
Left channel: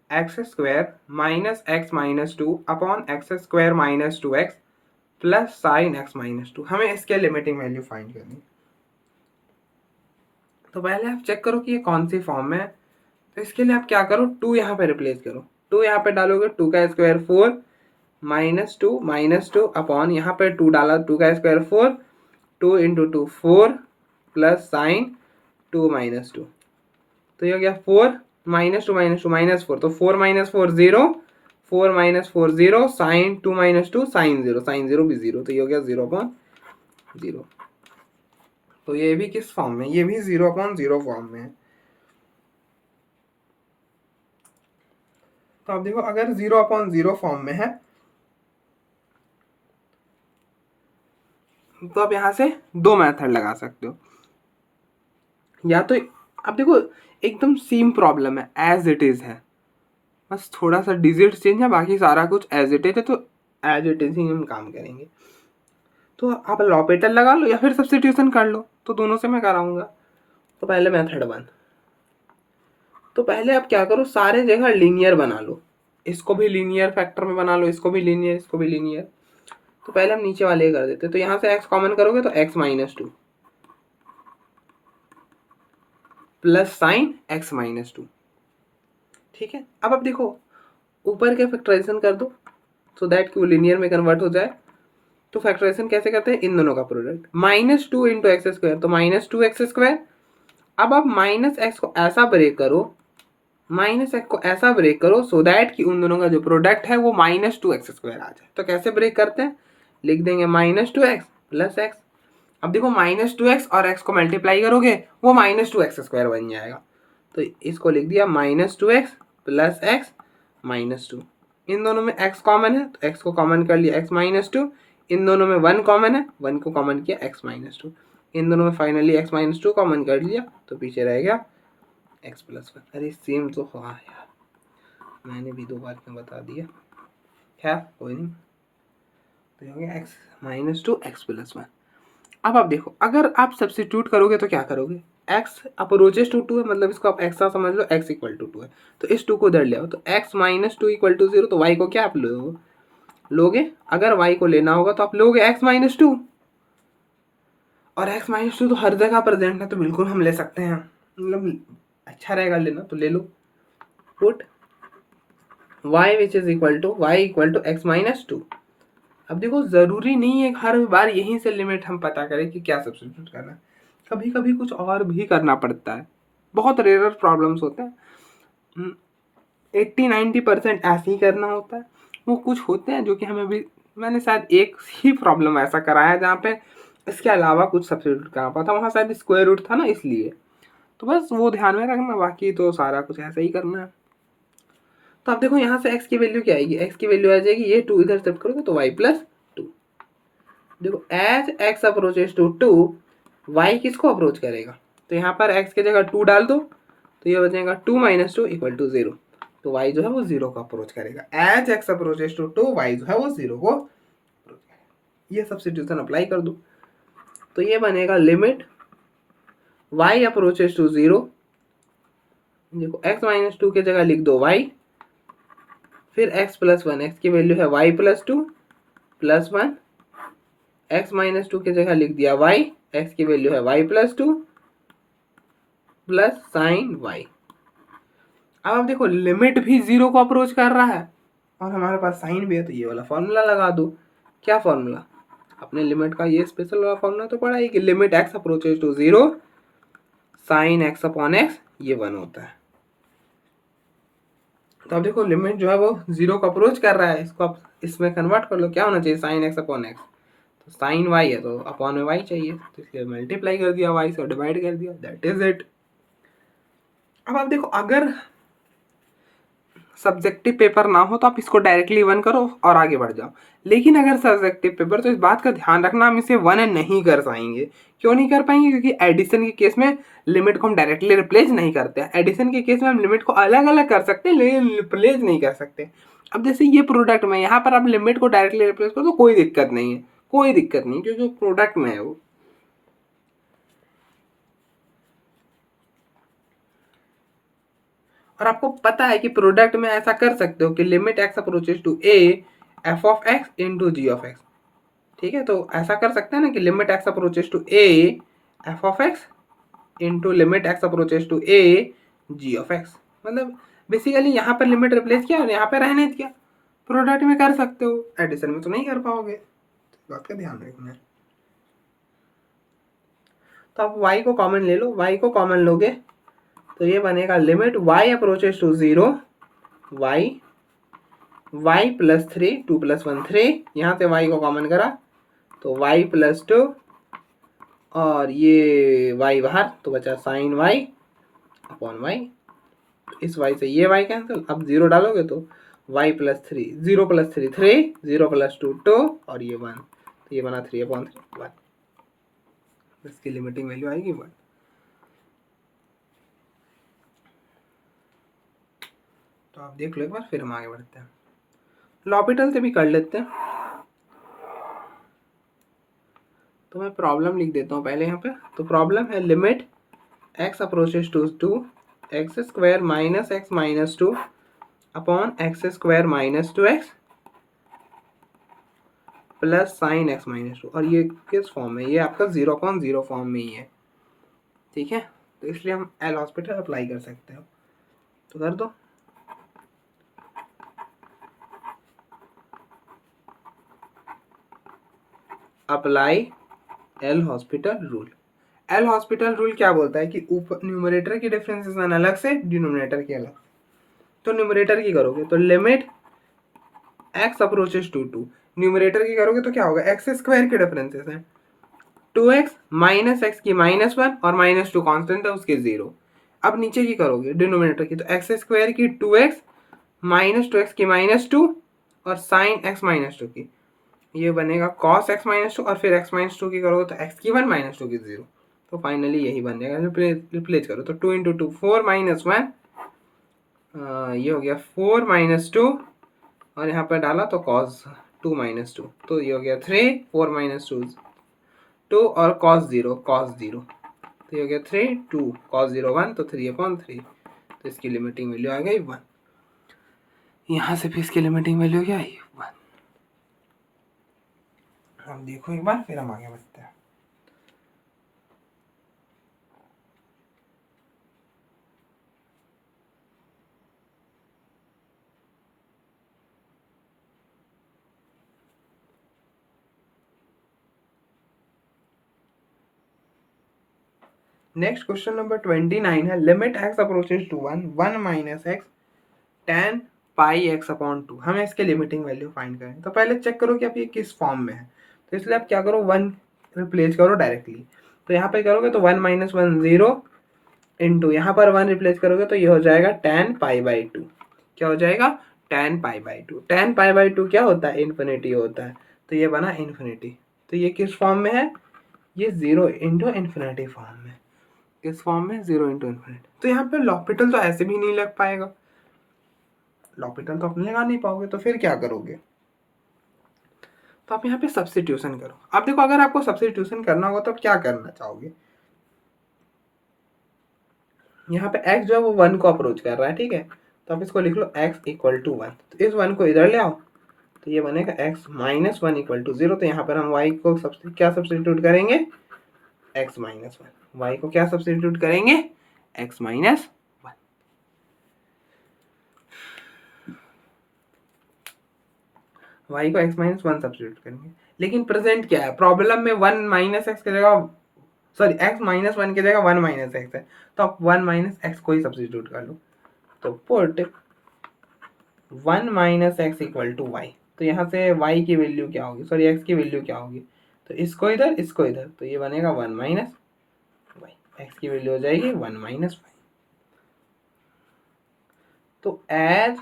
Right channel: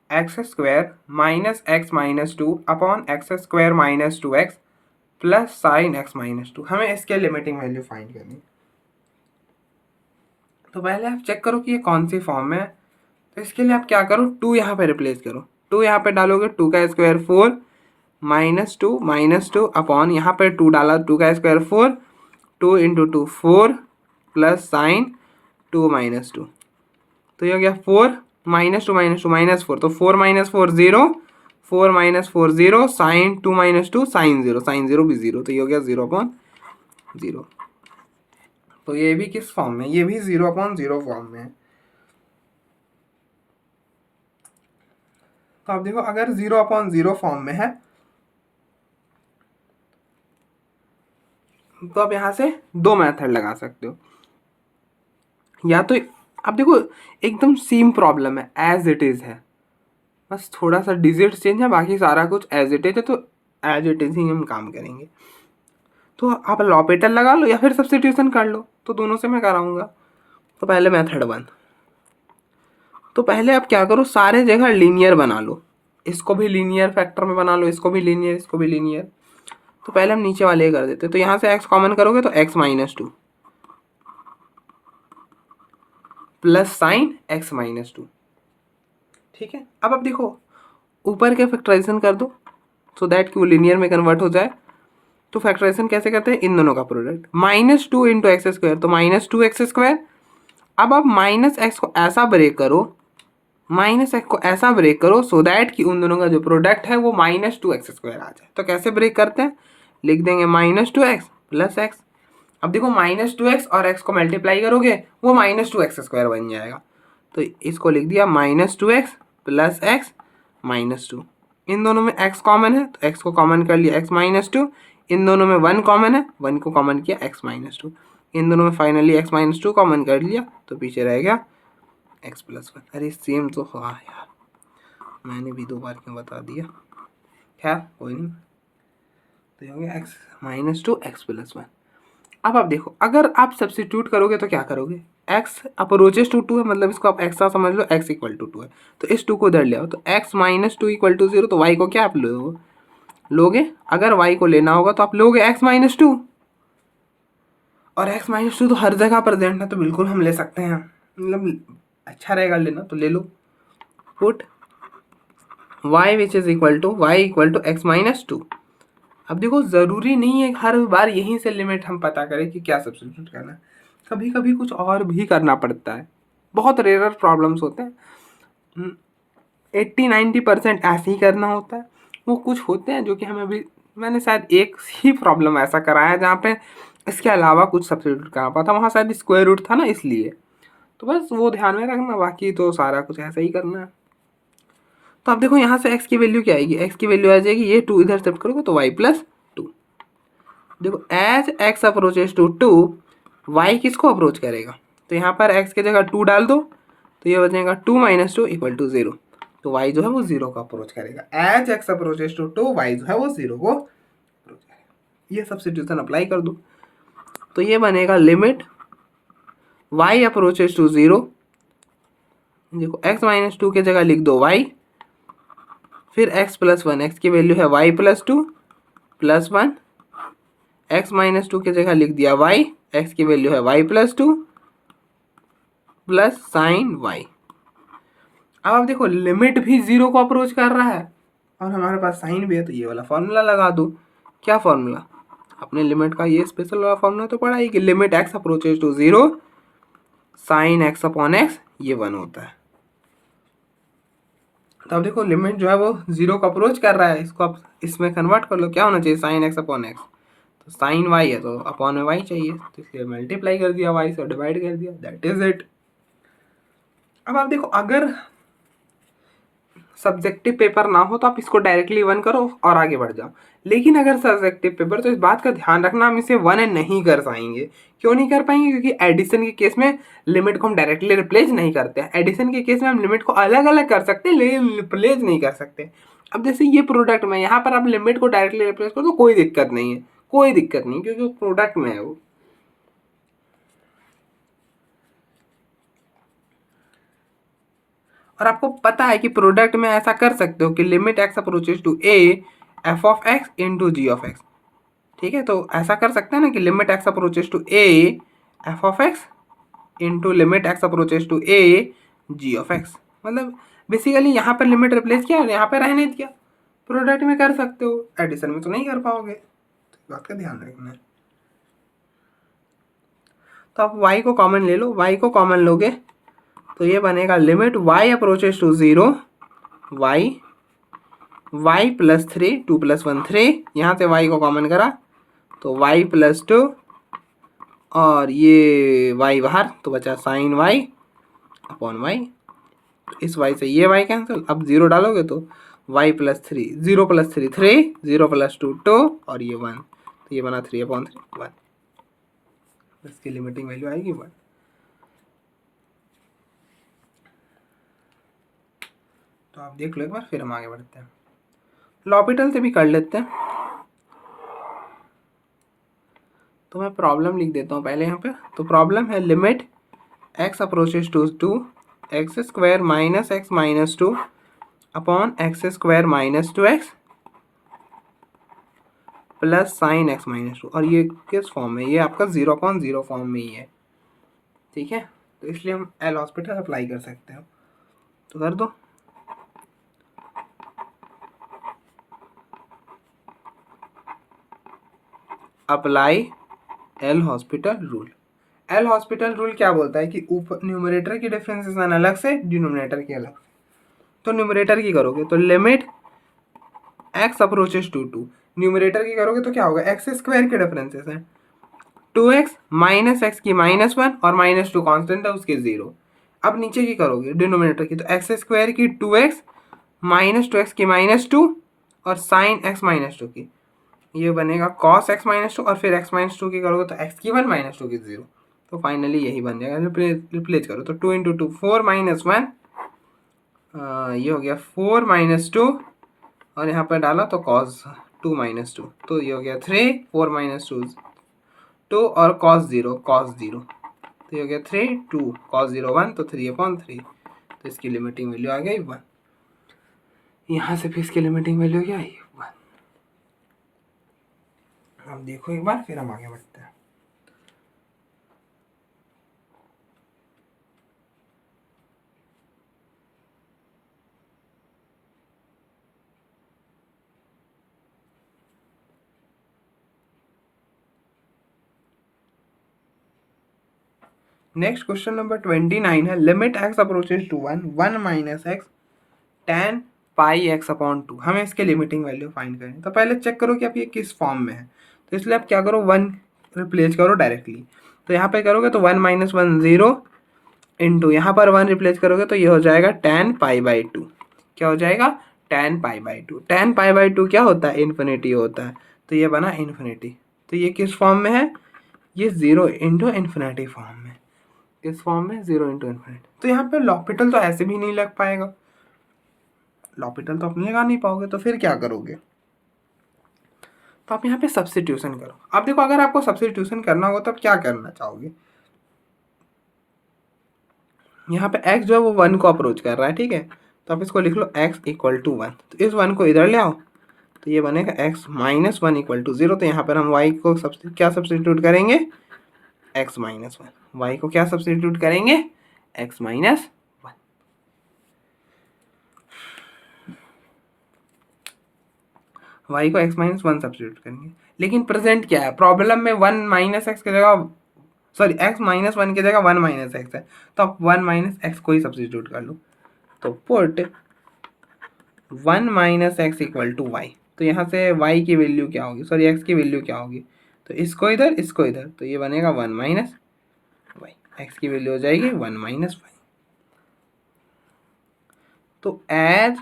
x² minus x -2 upon x² minus 2x plus sine x -2। हमें इसके लिमिटिंग वैल्यू फाइंड करनी। तो पहले आप चेक करो कि ये कौन सी फॉर्म में है। तो इसके लिए आप क्या करो, 2 यहाँ पे रिप्लेस करो, 2 यहाँ पे डालोगे 2 का स्क्वायर 4 -2 अपॉन यहाँ पे 2 डाला, 2 का स्क्वायर 4, 2 इंटू 2 4 प्लस साइन 2 -2, तो ये हो गया 4 -2 -4, तो 4 -4 0, 4 -4 0 साइन 2 -2 साइन 0 भी 0, तो ये हो गया 0/0। तो ये भी किस फॉर्म में, ये भी 0/0 फॉर्म में है। तो आप देखो, अगर 0/0 फॉर्म में है तो आप यहाँ से दो मेथड लगा सकते हो। या तो आप देखो एकदम सेम प्रॉब्लम है, एज इट इज़ है, बस थोड़ा सा डिजिट चेंज है, बाकी सारा कुछ एज इट इज है, तो एज इट इज ही हम काम करेंगे। तो आप लॉपिटल लगा लो या फिर सब्स्टिट्यूशन कर लो, तो दोनों से मैं कराऊंगा। तो पहले मेथड 1, तो पहले आप क्या करो, सारे जगह लीनियर बना लो, इसको भी लीनियर फैक्टर में बना लो, इसको भी लीनियर, इसको भी लीनियर। तो पहले हम नीचे वाले कर देते, तो यहाँ से x कॉमन करोगे तो x -2 प्लस साइन x -2, ठीक है। अब आप देखो ऊपर के फैक्टराइजेशन कर दो, सो दैट कि वो लीनियर में कन्वर्ट हो जाए। तो फैक्टराइजेशन कैसे करते हैं, इन दोनों का प्रोडक्ट, -2 इंटू x², तो -2x²। अब आप -x को ऐसा ब्रेक करो, -x को ऐसा ब्रेक करो सो दैट कि उन दोनों का जो प्रोडक्ट है वो -2x² आ जाए। तो कैसे ब्रेक करते हैं, लिख देंगे -2x प्लस x। अब देखो -2x और x को मल्टीप्लाई करोगे वो -2x² बन जाएगा, तो इसको लिख दिया -2x प्लस x -2। इन दोनों में x कॉमन है तो x को कॉमन कर लिया, x -2। इन दोनों में 1 कॉमन है, 1 को कॉमन किया, x -2। इन दोनों में फाइनली x -2 कॉमन कर लिया, तो पीछे रह गया x +1। अरे सेम तो हाँ यार, मैंने भी 2 बार क्यों बता दिया, खैर कोई नहीं। तो ये हो गया x minus to x plus one. अब आप देखो, अगर आप सब्स्टिट्यूट करोगे तो क्या करोगे, x अप्रोचेस टू 2 है, मतलब इसको आप x समझ लो, x इक्वल टू 2 है, तो इस 2 को इधर ले आओ, तो x minus two equal to 0, तो y को क्या आप लोगे, अगर y को लेना होगा तो आप लोगे x माइनस टू, और x माइनस टू तो हर जगह प्रेजेंट है, तो बिल्कुल हम ले सकते हैं, मतलब अच्छा रहेगा लेना, तो ले लो। Put y which is equal to y equal to X minus two. अब देखो, ज़रूरी नहीं है हर बार यहीं से लिमिट हम पता करें कि क्या सब्स्टिट्यूट करना है, कभी कभी कुछ और भी करना पड़ता है, बहुत रेयर प्रॉब्लम्स होते हैं, 80-90% ऐसे ही करना होता है। वो कुछ होते हैं जो कि हमें भी, मैंने शायद एक ही प्रॉब्लम ऐसा कराया जहाँ पे इसके अलावा कुछ सब्स्टिट्यूट करना पड़ा था, वहाँ शायद स्क्वायर रूट था ना, इसलिए तो बस वो ध्यान में रखना, बाकी तो सारा कुछ ऐसा ही करना है। तो आप देखो यहाँ से x की वैल्यू क्या आएगी, x की वैल्यू आ जाएगी, ये 2 इधर शिफ्ट करोगे तो y प्लस टू। देखो as x approaches to 2, y किसको अप्रोच करेगा, तो यहाँ पर x की जगह 2 डाल दो, तो ये बचेगा 2 माइनस टू इक्वल टू 0, तो y जो है वो 0 को अप्रोच करेगा। As x approaches to 2, y जो है वो 0 को अप्रोच करेगा। ये सब्स्टिट्यूशन अप्लाई कर दो, तो ये बनेगा लिमिट y अप्रोचेस टू 0, देखो x माइनस टू की जगह लिख दो y, फिर x प्लस वन, एक्स की वैल्यू है y plus two plus one, x minus to की जगह लिख दिया y, x की वैल्यू है y plus two plus sine y। अब आप देखो, लिमिट भी 0 को अप्रोच कर रहा है और हमारे पास साइन भी है, तो ये वाला फॉर्मूला लगा दो। क्या फॉर्मूला, अपने लिमिट का ये स्पेशल वाला फॉर्मूला तो पढ़ा ही कि limit x approaches to 0 sine x upon x, ये 1 होता है। तो अब देखो, लिमिट जो है वो 0 को अप्रोच कर रहा है, इसको आप इसमें कन्वर्ट कर लो, क्या होना चाहिए, साइन x अपॉन x, तो साइन y है तो अपॉन में y चाहिए, तो इसलिए मल्टीप्लाई कर दिया, y से डिवाइड कर दिया, दैट इज इट। अब आप देखो, अगर सब्जेक्टिव पेपर ना हो तो आप इसको डायरेक्टली 1 करो और आगे बढ़ जाओ, लेकिन अगर सब्जेक्टिव पेपर, तो इस बात का ध्यान रखना, हम इसे 1 नहीं कर पाएंगे। क्यों नहीं कर पाएंगे, क्योंकि एडिशन के केस में लिमिट को हम डायरेक्टली रिप्लेस नहीं करते हैं, एडिशन के केस में हम लिमिट को अलग अलग कर सकते हैं लेकिन रिप्लेस नहीं कर सकते। अब जैसे ये प्रोडक्ट में, यहाँ पर आप लिमिट को डायरेक्टली रिप्लेस करो तो कोई दिक्कत नहीं है, कोई दिक्कत नहीं, क्योंकि प्रोडक्ट में है वो। और आपको पता है कि प्रोडक्ट में ऐसा कर सकते हो कि limit x approaches to a f of x into g of x, ठीक है, तो ऐसा कर सकते हैं ना कि limit x approaches to a f of x into limit x approaches to a g of x, मतलब बेसिकली यहाँ पर लिमिट रिप्लेस किया और यहाँ पर रहने दिया। प्रोडक्ट में कर सकते हो, एडिशन में तो नहीं कर पाओगे, तो बात का ध्यान रखना है। तो आप y को कॉमन ले लो, y को कॉमन लोगे तो ये बनेगा limit y approaches to 0 y plus 3, 2 plus 1 3, यहाँ से y को कॉमन करा तो y प्लस 2, और ये y बाहर तो बचा साइन y अपॉन y, इस y से ये y कैंसिल, अब 0 डालोगे तो y प्लस 3, 0 प्लस 3 3, 0 प्लस 2 2, और ये 1, तो ये बना 3 अपॉन 3 1, इसकी लिमिटिंग वैल्यू आएगी 1। तो आप देख लो एक बार, फिर हम आगे बढ़ते हैं, लॉपिटल से भी कर लेते हैं। तो मैं प्रॉब्लम लिख देता हूँ पहले यहाँ पे। तो प्रॉब्लम है limit x approaches to 2 x square minus x minus 2 upon x square minus 2x plus sine x minus 2, और ये किस फॉर्म में, ये आपका 0/0 फॉर्म में ही है, ठीक है, तो इसलिए हम एल हॉस्पिटल अप्लाई कर सकते हैं, तो कर दो। Apply L hospital rule. L hospital rule क्या बोलता है कि ऊपर न्यूमरेटर की डिफरेंशिएशन अलग से, डिनोमिनेटर की अलग। तो न्यूमरेटर की करोगे तो limit x approaches to 2, numerator की करोगे तो क्या होगा, एक्स स्क्वायर के डिफरेंसेस हैं, 2x माइनस एक्स की -1 और -2 कांस्टेंट है उसके 0। अब नीचे की करोगे डिनोमिनेटर की, तो एक्स स्क्वायर की 2x माइनस 2x की -2 और साइन x माइनस 2 की, ये बनेगा cos x माइनस 2, और फिर x माइनस 2 की करोगे तो x की 1 माइनस 2 की 0, तो फाइनली यही बन जाएगा, रिप्लेस करो तो 2 × 2 4 -1 ये हो गया 4 - 2 और यहाँ पर डाला तो cos 2 - 2, तो ये हो गया 3, 4 - 2 2 और cos 0, तो ये हो गया 3 2 cos 0 1, तो 3/3, तो इसकी लिमिटिंग वैल्यू आ गई 1। यहाँ से फिर इसकी लिमिटिंग वैल्यू क्या आई 1। अब देखो एक बार, फिर हम आगे बढ़ते हैं। नेक्स्ट क्वेश्चन नंबर 29 है, limit x approaches to 1 1 - x tan pi x/2। हमें इसके लिमिटिंग वैल्यू फाइंड करें। तो पहले चेक करो कि अब ये किस फॉर्म में है। तो इसलिए आप क्या करो, 1 रिप्लेस करो डायरेक्टली। तो यहाँ पे करोगे तो 1 - 1 0 इंटू यहाँ पर 1 रिप्लेस करोगे तो ये हो जाएगा tan π/2। क्या हो जाएगा, tan π/2। tan π/2 क्या होता है, इन्फिनिटी होता है। तो ये बना इन्फिनिटी। तो ये किस फॉर्म में है, ये 0 इंटू इन्फिनिटी फॉर्म में। किस फॉर्म में, 0 इंटू इन्फिनिटी। तो यहाँ पे लॉपिटल तो ऐसे भी नहीं लग पाएगा, लॉपिटल तो आप लगा नहीं पाओगे, तो फिर क्या करोगे, तो आप यहाँ पे सब्स्टिट्यूशन करो। अब देखो, अगर आपको सब्स्टिट्यूशन करना होगा तो आप क्या करना चाहोगे, यहाँ पे x जो है वो 1 को अप्रोच कर रहा है, ठीक है। तो आप इसको लिख लो x = 1, तो इस 1 को इधर ले आओ, तो ये बनेगा x - 1 = 0। तो यहाँ पर हम y को क्या सब्स्टिट्यूट करेंगे, x - 1। y को क्या सब्स्टिट्यूट करेंगे, x - 1। y को x - 1 सब्स्टिट्यूट करेंगे। लेकिन प्रेजेंट क्या है, प्रॉब्लम में 1 - x की जगह, सॉरी x - 1 की जगह 1 - x है, तो आप 1 - x को ही सब्स्टिट्यूट कर लो। तो पुट 1 - x = y। तो यहाँ से y की वैल्यू क्या होगी, सॉरी x की वैल्यू क्या होगी, तो इसको इधर इसको इधर, तो ये बनेगा 1 - y। x की वैल्यू हो जाएगी 1 - y। तो as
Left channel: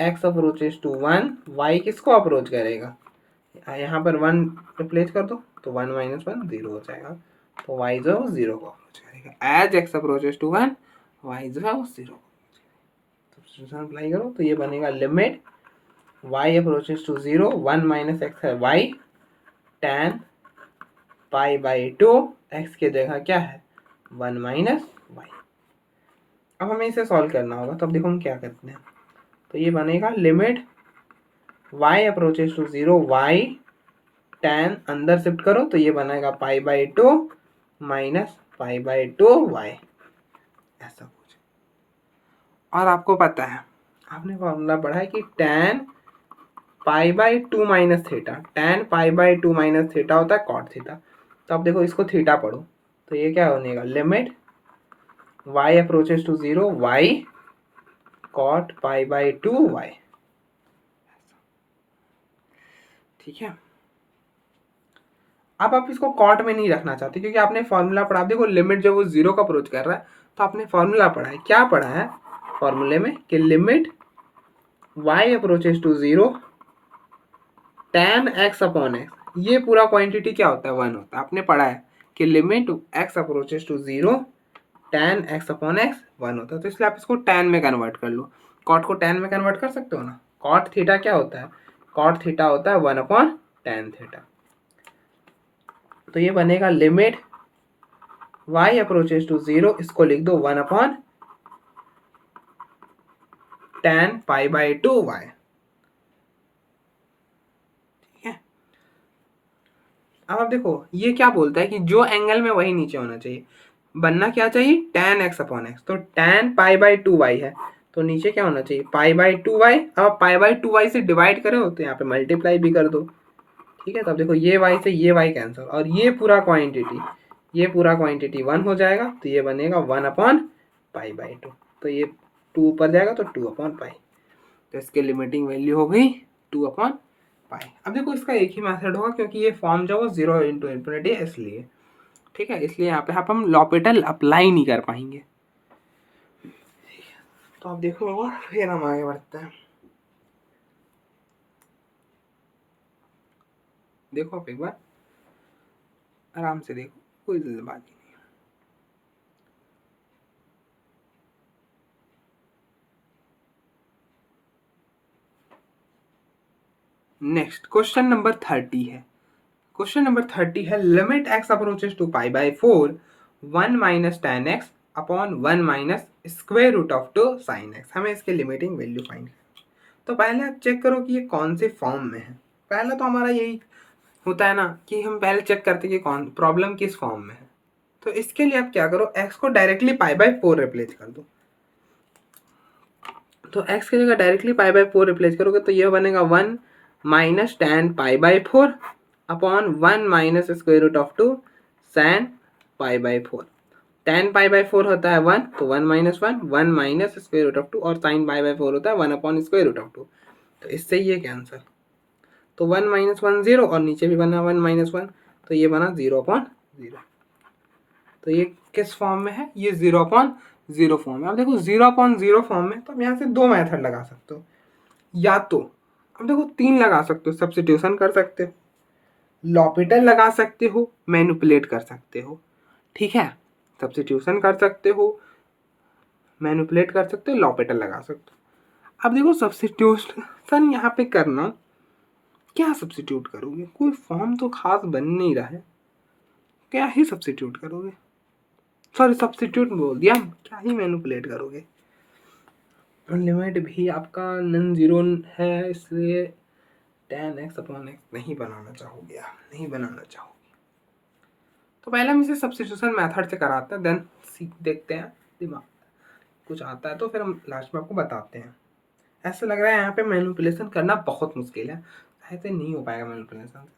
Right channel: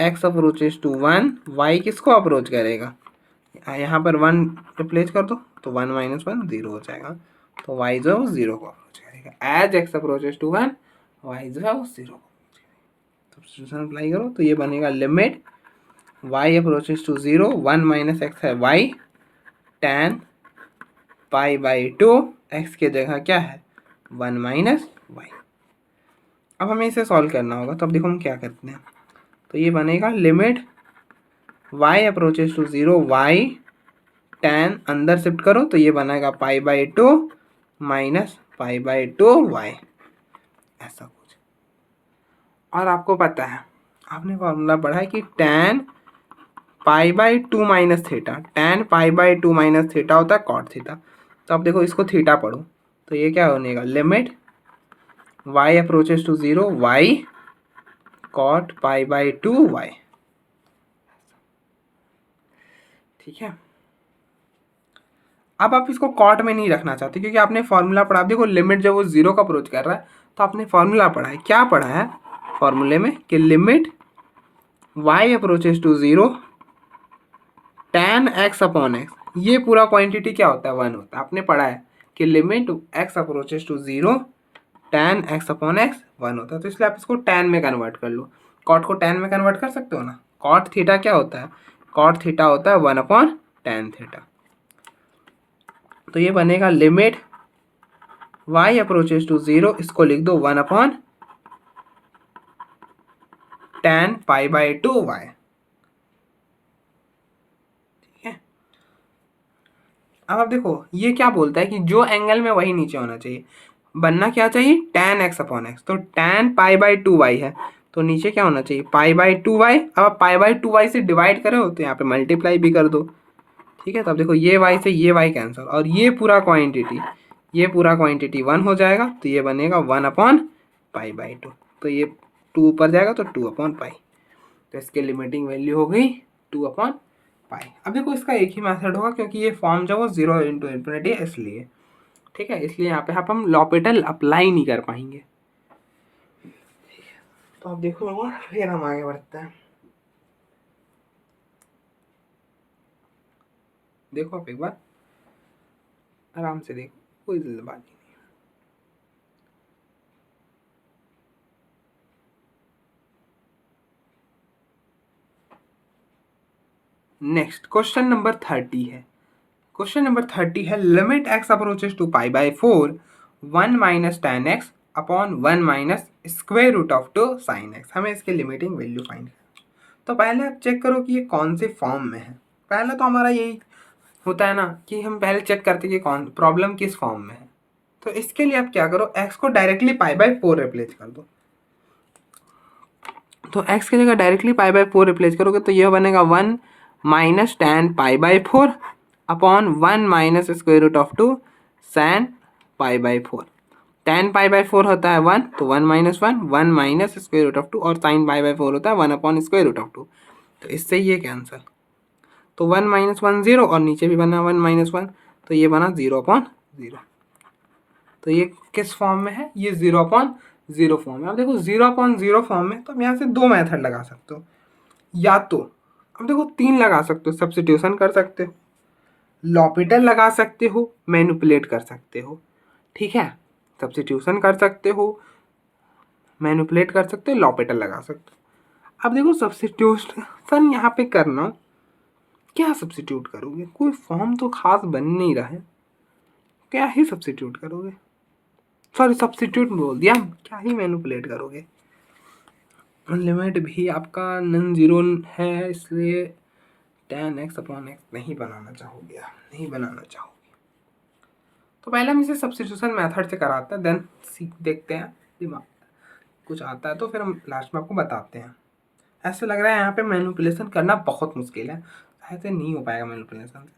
x approaches to 1, y किसको अप्रोच करेगा, यहाँ पर 1 रिप्लेस कर दो, तो 1 - 1 0 हो जाएगा। तो y जो है वो 0 को अप्रोच करेगा। As x approaches to 1, y जो है वो 0 को सब्स्टिट्यूशन अप्लाई करो, तो ये बनेगा limit y approaches to 0 1 - x है y tan π/2, x की जगह क्या है 1 - y। अब हमें इसे सॉल्व करना होगा, तो अब देखो हम क्या करते हैं। तो ये बनेगा limit y approaches to 0 y tan, अंदर शिफ्ट करो तो ये बनेगा π/2 माइनस π/2 y, ऐसा कुछ। और आपको पता है, आपने फॉर्मूला पढ़ा है कि tan π/2 minus theta, tan π/2 minus theta होता है cot थीटा। तो अब देखो इसको थीटा पढ़ो, तो ये क्या बनेगा, limit y approaches to 0 y cot π/2 y। ठीक है। अब आप इसको कॉट में नहीं रखना चाहते क्योंकि आपने फॉर्मूला पढ़ा। देखो लिमिट जब वो 0 का अप्रोच कर रहा है तो आपने फॉर्मूला पढ़ा है, क्या पढ़ा है फॉर्मूले में, कि limit y approaches to 0 tan x/x, ये पूरा क्वांटिटी क्या होता है 1 होता है। आपने पढ़ा है कि limit x approaches to 0 tan x/x 1 होता है। तो इसलिए आप इसको tan में कन्वर्ट कर लो। कॉट को tan में कन्वर्ट कर सकते हो ना। कॉट थीटा क्या होता है, कॉट थीटा होता है 1/tan थीटा। तो ये बनेगा लिमिट y अप्रोचेज टू 0, इसको लिख दो 1/tan π/2 y। ठीक है। अब आप देखो ये क्या बोलता है कि जो एंगल में वही नीचे होना चाहिए, बनना क्या चाहिए tan x/x। तो tan π/2 y है, तो नीचे क्या होना चाहिए π/2 y। अब आप π/2 y से डिवाइड करो तो यहाँ पे मल्टीप्लाई भी कर दो। ठीक है। तो अब देखो ये y से ये y कैंसिल, और ये पूरा क्वांटिटी 1 हो जाएगा, तो ये बनेगा 1/π/2। तो ये 2 ऊपर जाएगा तो 2/π। तो इसके लिमिटिंग वैल्यू हो गई 2/π। अब देखो इसका एक ही मेथड होगा क्योंकि ये फॉर्म जो वो 0 इंटू इन्फिनिटी है इसलिए। ठीक है, इसलिए यहाँ पे हम लॉपिटल अप्लाई नहीं कर पाएंगे। तो अब देखो फिर हम आगे बढ़ते हैं। देखो आप एक बार आराम से देखो, कोई जल्दबाजी नहीं। नेक्स्ट क्वेश्चन नंबर 30 है। क्वेश्चन नंबर 30 है limit x approaches to pi by 4 1 minus tan x upon 1 minus square root of 2 sin x। हमें इसके लिमिटिंग वैल्यू फाइंड करना। तो पहले आप चेक करो कि ये कौन से फॉर्म में है। पहला तो हमारा यही होता है ना कि हम पहले चेक करते हैं कि कौन प्रॉब्लम किस फॉर्म में है। तो इसके लिए आप क्या करो, x को डायरेक्टली पाई बाई 4 रिप्लेस कर दो। तो x की जगह डायरेक्टली पाई बाई 4 रिप्लेस करोगे तो यह बनेगा 1 minus tan pi by 4 upon 1 minus square root of 2 sin pi by 4। tan pi by 4 होता है 1, तो 1 minus 1, 1 minus square root of 2, और sin पाई बाई 4 होता है 1 अपॉन स्क्वायर रूट ऑफ 2। तो इससे ये कैंसिल, तो 1 माइनस 1 0, और नीचे भी बना 1 माइनस 1, तो ये बना 0 अपॉन 0। तो ये किस फॉर्म में है, ये 0 अपॉन 0 फॉर्म में। अब देखो 0 अपॉन 0 फॉर्म में, तो अब यहाँ से दो मेथड लगा सकते हो। या तो अब देखो 3 लगा सकते हो, सब्स्टिट्यूशन कर सकते हो, लॉपिटल लगा सकते हो, मैनिपुलेट कर सकते हो। ठीक है, सब्स्टिट्यूशन कर सकते हो, मैनिपुलेट कर सकते हो, लॉपिटल लगा सकते हो। अब देखो सब्स्टिट्यूशन यहाँ पे करना, क्या सब्स्टिट्यूट करोगे, कोई फॉर्म तो खास बन नहीं रहा है, क्या ही सब्स्टिट्यूट करोगे, सॉरी सब्स्टिट्यूट बोल दिया, क्या ही मैनिपुलेट करोगे। लिमिट भी आपका नॉन जीरो है, इसलिए tan x अपॉन x नहीं बनाना चाहोगे, नहीं बनाना चाहोगे। तो पहले हम इसे सब्स्टिट्यूशन मेथड से कराते हैं, देन देखते हैं दिमाग कुछ आता है तो फिर हम लास्ट में आपको बताते हैं। ऐसे लग रहा है यहाँ पे मैनिपुलेशन करना बहुत मुश्किल है, ऐसे नहीं हो पाएगा मैनिपुलेशन से।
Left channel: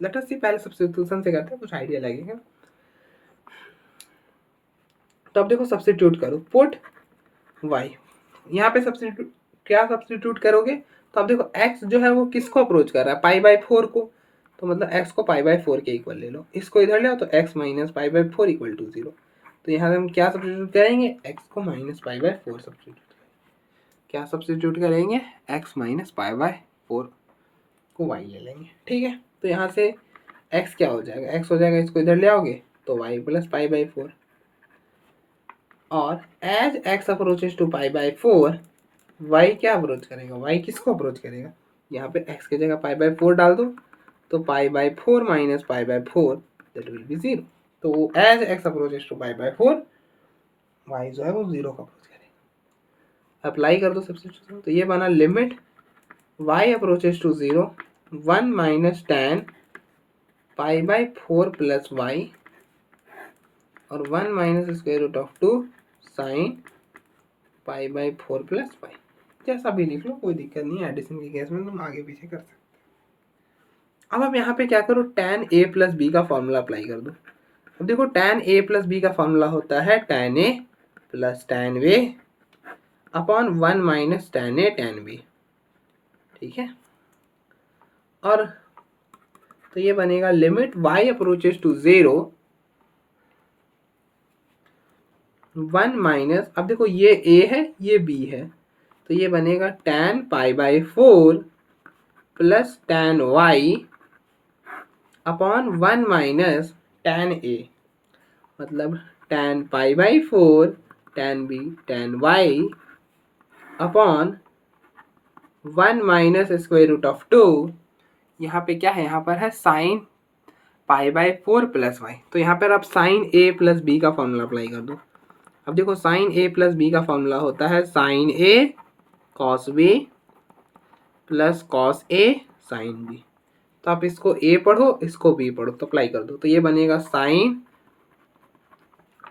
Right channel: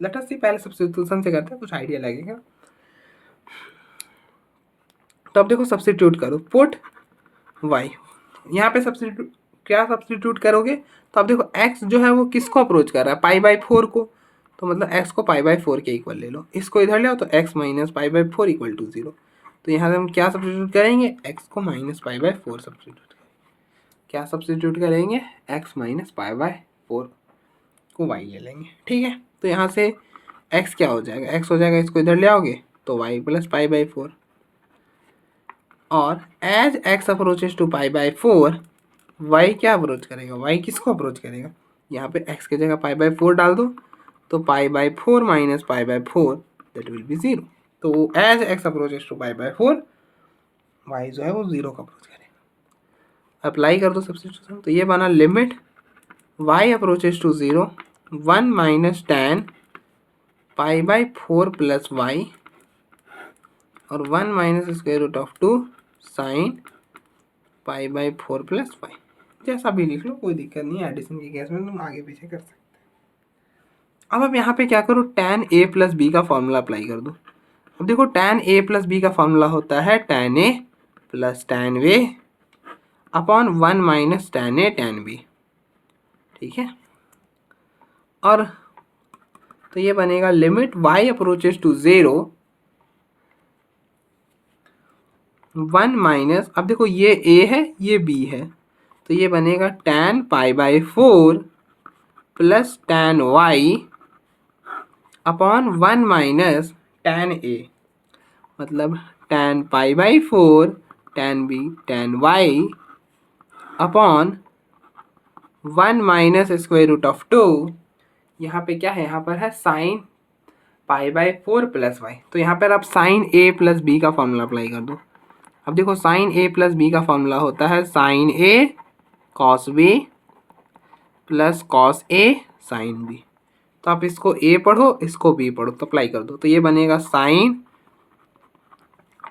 लेट अस सी, पहले सब्स्टिट्यूशन से करते हैं, कुछ आइडिया लगेगा। तो अब देखो सब्स्टिट्यूट करो, पुट y, यहाँ पे सब्स्टिट्यूट क्या सब्स्टिट्यूट करोगे, तो अब देखो x जो है वो किसको अप्रोच कर रहा है, पाई बाई 4 को, तो मतलब x को पाई बाई 4 के इक्वल ले लो, इसको इधर ले आओ तो x minus pi by 4 equal to 0। तो यहाँ हम क्या सब्स्टिट्यूट करेंगे, x को माइनस पाई बाई 4 सब्स्टिट्यूट, क्या सब्स्टिट्यूट करेंगे, x माइनस पाई बाई 4 को y ले लेंगे। ठीक है, तो यहाँ से x क्या हो जाएगा, x हो जाएगा, इसको इधर ले आओगे तो y प्लस पाई बाई 4, और as x approaches to pi by 4 y क्या अप्रोच करेगा, y किसको अप्रोच करेगा, यहाँ पे x की जगह पाई बाई 4 डाल दो, तो pi by 4 minus pi by 4 that will be 0। तो as x approaches to pi by 4 y जो है वो 0 का अप्रोच करेगा। अप्लाई कर दो सब्स्टिट्यूशन, तो ये बना limit y approaches to 0 1 minus tan pi by 4 plus y और 1 minus square root of 2 sine pi by 4 plus y. जैसा भी लिख लो, कोई दिक्कत नहीं है, एडिशन के केस में तुम आगे पीछे कर सकते हो। अब आप यहाँ पे क्या करो, tan a प्लस बी का फॉर्मूला अप्लाई कर दो। अब देखो tan a प्लस बी का फॉर्मूला होता है tan a plus tan b upon 1 minus tan a tan b। ठीक है, और तो ये बनेगा limit y approaches to 0 1 minus, अब देखो ये a है ये b है, तो ये बनेगा tan pi by 4 plus tan y upon 1 minus tan a, मतलब tan pi by 4 tan b tan y upon 1 minus square root of 2। यहाँ पे क्या है, यहाँ पर है sine pi by 4 plus y, तो यहाँ पर आप साइन a प्लस बी का फॉर्मूला अप्लाई कर दो। अब देखो साइन a प्लस बी का फॉर्मूला होता है sine a cos b plus cos a sine b। तो आप इसको a पढ़ो, इसको b पढ़ो, तो अप्लाई कर दो, तो ये बनेगा sine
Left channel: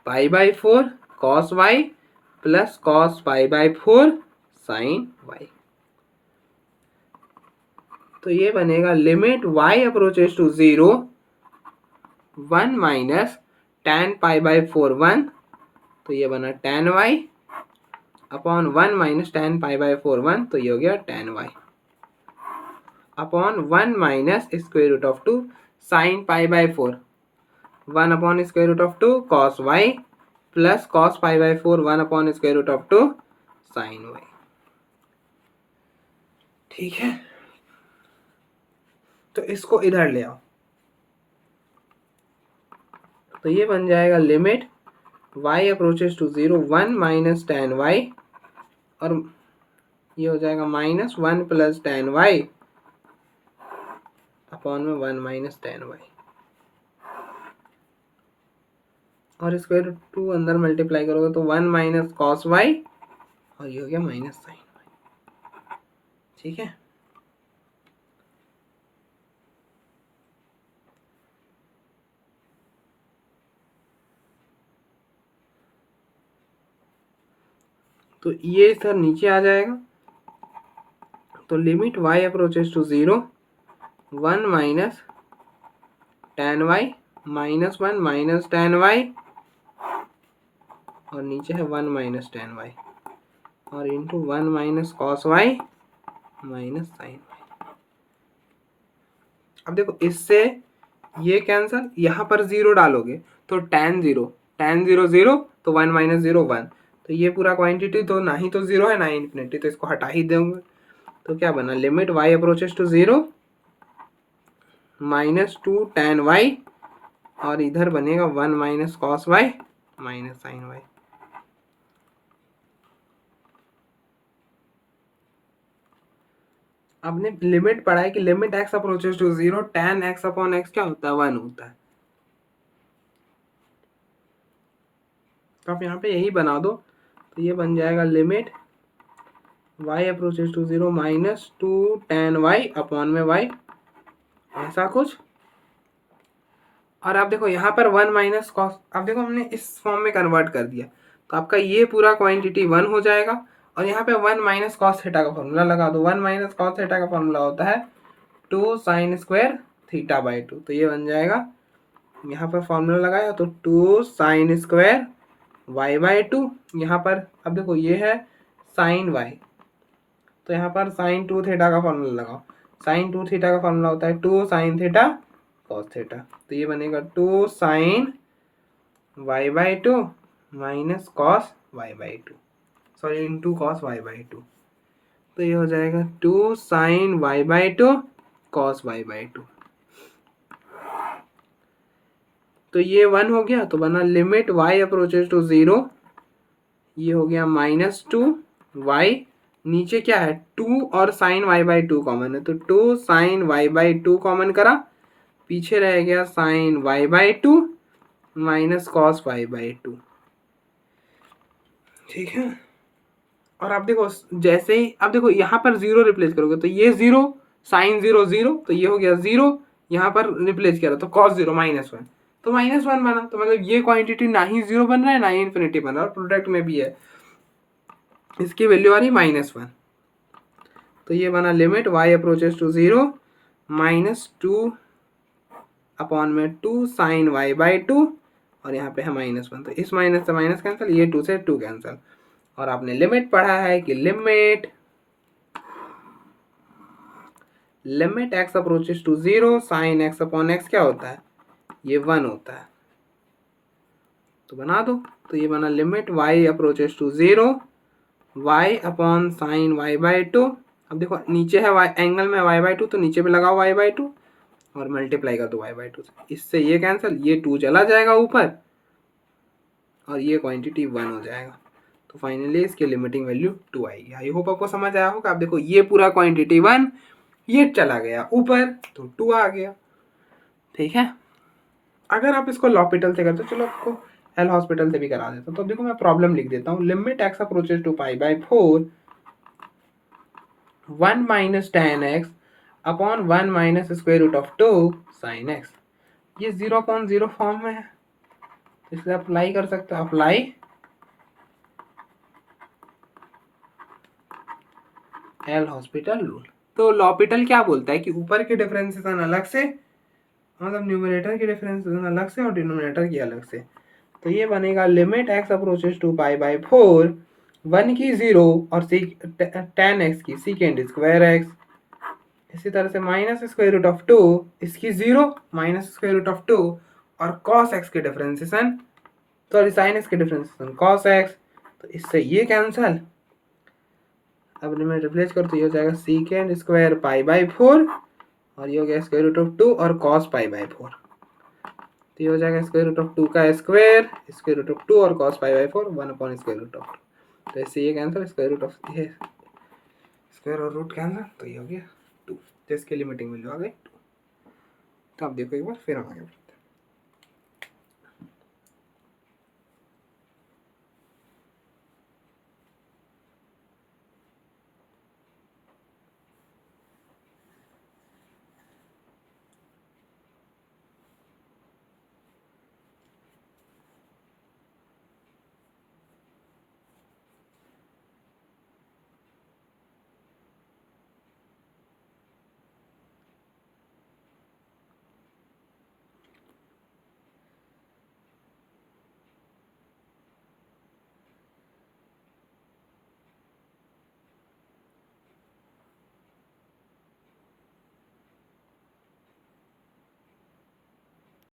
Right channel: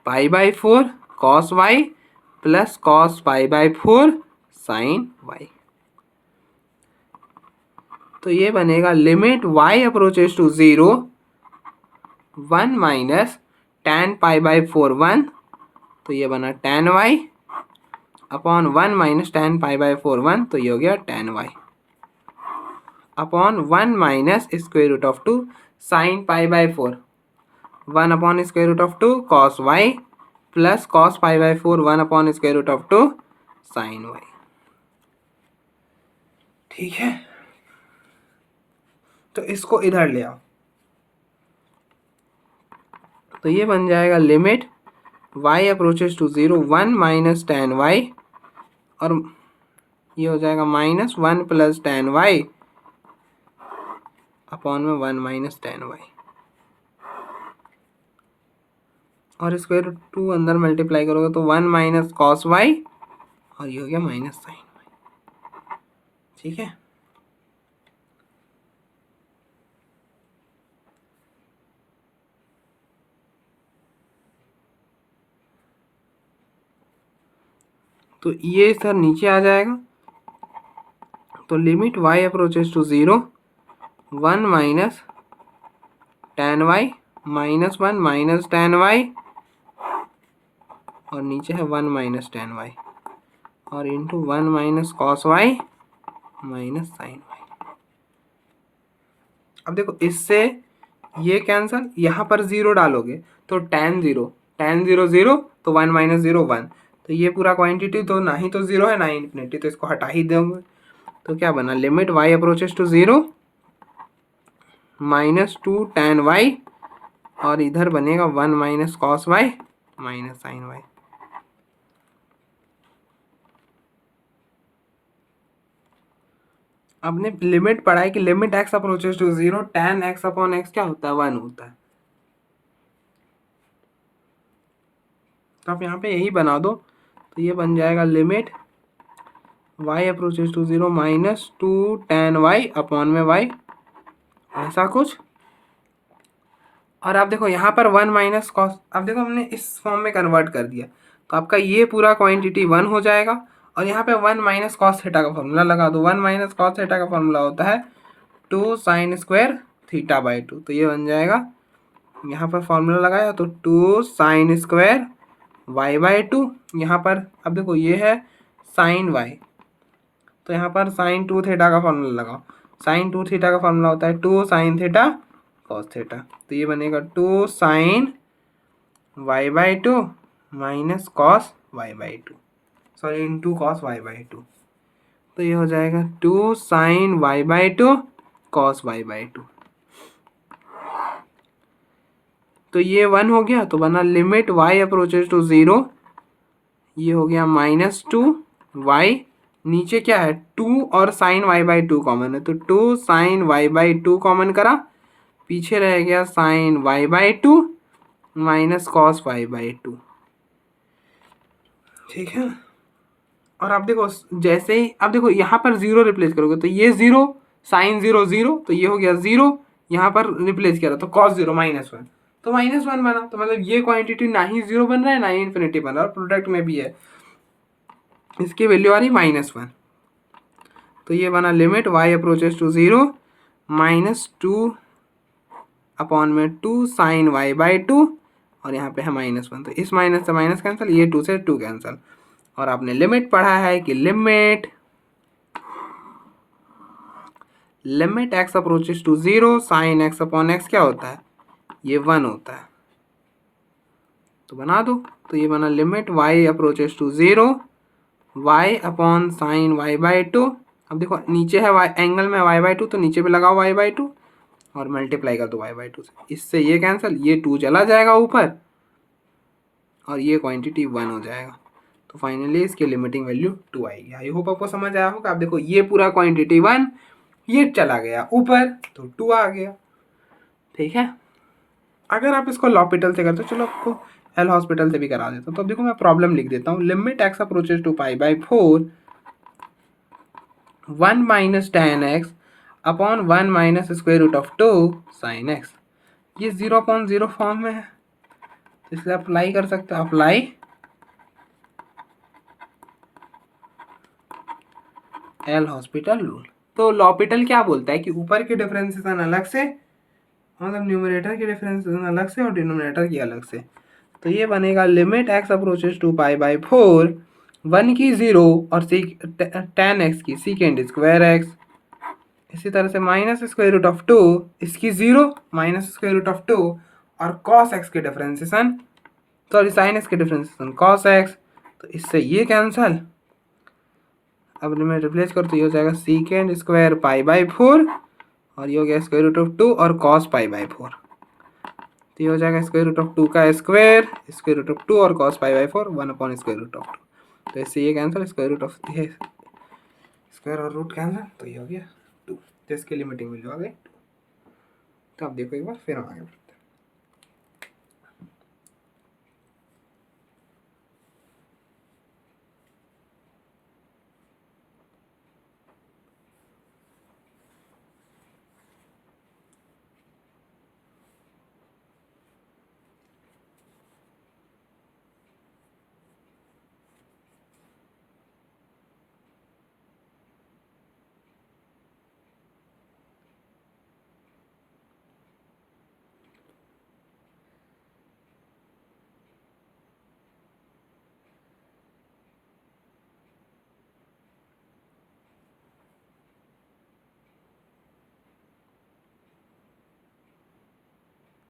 pi by 4 cos y plus cos pi by 4 sine y। तो ये बनेगा limit y approaches to 0 1 minus tan pi by 4 1, तो ये बना tan y upon 1 minus tan pi by 4 1, तो ये हो गया tan y upon 1 minus square root of 2 sine pi by 4 1 upon square root of 2 cos y plus cos pi by 4 1 upon square root of 2 sine y। ठीक है, तो इसको इधर ले आओ, तो ये बन जाएगा limit y approaches to 0 1 minus tan y, और ये हो जाएगा minus 1 plus tan y upon में 1 माइनस टेन वाई, और स्क्वायर रूट 2 अंदर मल्टीप्लाई करोगे तो 1 माइनस कॉस वाई, और ये हो गया माइनस साइन। ठीक है, तो ये सर नीचे आ जाएगा। तो limit y approaches to 0, 1 minus tan y minus 1 minus tan y, और नीचे है 1 माइनस टेन वाई, और into 1 minus cos y minus sine y. अब देखो इससे ये कैंसल, यहाँ पर 0 डालोगे तो tan 0 0 तो 1 माइनस 0 1, तो ये पूरा क्वांटिटी तो ना ही तो 0 है ना ही इन्फिनिटी, तो इसको हटा ही देंगे। तो क्या बना, limit y approaches to 0 minus 2 tan y, और इधर बनेगा 1 minus cos y minus sine y. आपने लिमिट पढ़ा है कि limit x approaches to 0 tan x upon x क्या होता है, 1 होता है। तो आप यहाँ पे यही बना दो, तो ये बन जाएगा limit y approaches to 0 minus 2 tan y upon में y, ऐसा कुछ। और आप देखो यहाँ पर 1 माइनस कॉस, अब देखो हमने इस फॉर्म में कन्वर्ट कर दिया, तो आपका ये पूरा क्वांटिटी 1 हो जाएगा। और यहाँ पे 1 माइनस कॉस थीटा का फॉर्मूला लगा दो। 1 माइनस कॉस थीटा का फॉर्मूला होता है 2 साइन स्क्वायर थीटा बाई 2, तो ये बन जाएगा, यहाँ पर फॉर्मूला लगाया तो 2 साइन स्क्वायर वाई बाई 2। यहाँ पर अब देखो ये है साइन वाई, तो यहाँ पर साइन 2 थीटा का फॉर्मूला लगाओ। साइन 2 थीटा का फॉर्मूला होता है 2 साइन थीटा कॉस थीटा, तो ये बनेगा 2 sine y by 2 minus cos y by 2, sorry into cos y by 2, तो ये हो जाएगा 2 sine y by 2 cos y by 2। तो ये 1 हो गया, तो बना लिमिट y अप्रोचेस टू 0, ये हो गया माइनस 2 वाई, नीचे क्या है 2 और साइन वाई बाई 2 कॉमन है, तो 2 साइन वाई बाई 2 कॉमन करा, पीछे रह गया sine y by 2 minus cos y by 2। ठीक है, और आप देखो जैसे ही आप देखो यहाँ पर 0 रिप्लेस करोगे तो ये 0 साइन 0 0, तो ये हो गया 0, यहाँ पर रिप्लेस किया तो कॉस 0 माइनस 1, तो माइनस 1 बना। तो मतलब ये क्वांटिटी ना ही 0 बन रहा है ना ही इन्फिनिटी बन रहा है, और प्रोडक्ट में भी है, इसकी वैल्यू आ रही माइनस 1। तो ये बना limit y approaches to 0 minus 2 upon में 2 साइन वाई बाई 2, और यहाँ पे है माइनस 1, तो इस माइनस से माइनस कैंसिल, ये 2 से 2 कैंसिल। और आपने लिमिट पढ़ा है कि limit x approaches to 0 sine x upon x क्या होता है, ये 1 होता है, तो बना दो। तो ये बना limit y approaches to 0 y upon sine y by 2। अब देखो नीचे है y एंगल में y बाई 2, तो नीचे पे लगाओ y बाई 2 और मल्टीप्लाई कर दो y बाई 2 से, इससे ये कैंसिल, ये 2 चला जाएगा ऊपर, और ये क्वांटिटी 1 हो जाएगा। तो फाइनली इसकी लिमिटिंग वैल्यू 2 आएगी। आई होप आपको समझ आया होगा। आप देखो ये पूरा क्वांटिटी 1, ये चला गया ऊपर तो 2 आ गया। ठीक है, अगर आप इसको लॉपिटल से करते हो, चलो आपको एल हॉस्पिटल से भी करा देता हूँ। तो देखो मैं प्रॉब्लम लिख देता हूँ, limit x approaches to pi by 4 1 minus tan x upon 1 minus square root of 2 sine x. ये 0/0 फॉर्म में है, तो इसलिए अप्लाई कर सकते हो, अप्लाई एल हॉस्पिटल रूल। तो लॉपिटल क्या बोलता है कि ऊपर के डिफरेंशिएशन अलग से, मतलब न्यूमरेटर की डिफरेंशिएशन अलग से और डिनोमिनेटर की अलग से। तो ये बनेगा limit x approaches to pi by 4 1 की 0 और टेन एक्स की सीकेंड स्क्वायर एक्स, इसी तरह से माइनस स्क्वायर रूट ऑफ 2 इसकी 0 माइनस स्क्वायर रूट ऑफ 2 और कॉस एक्स के डिफरेंशिएशन, सॉरी साइन एक्स के डिफरेंशिएशन कॉस एक्स, तो इससे ये कैंसल। अब लिमिट रिप्लेस करो तो ये हो जाएगा सीकेंड स्क्वायर पाई बाई 4, और ये हो गया स्क्वायर रूट ऑफ 2 और कॉस पाई बाई 4, तो ये हो जाएगा स्क्वायर रूट ऑफ 2 का स्क्वायर रूट ऑफ 2 और cos pi by 4 1 upon square root of 2, तो इससे ये कैंसिल, स्क्वायर रूट ऑफ ये स्क्वायर और रूट कैंसिल, तो ये हो गया 2, तो इसकी लिमिटिंग वैल्यू आ गई 2। तो आप देखो एक बार फिर हम आगे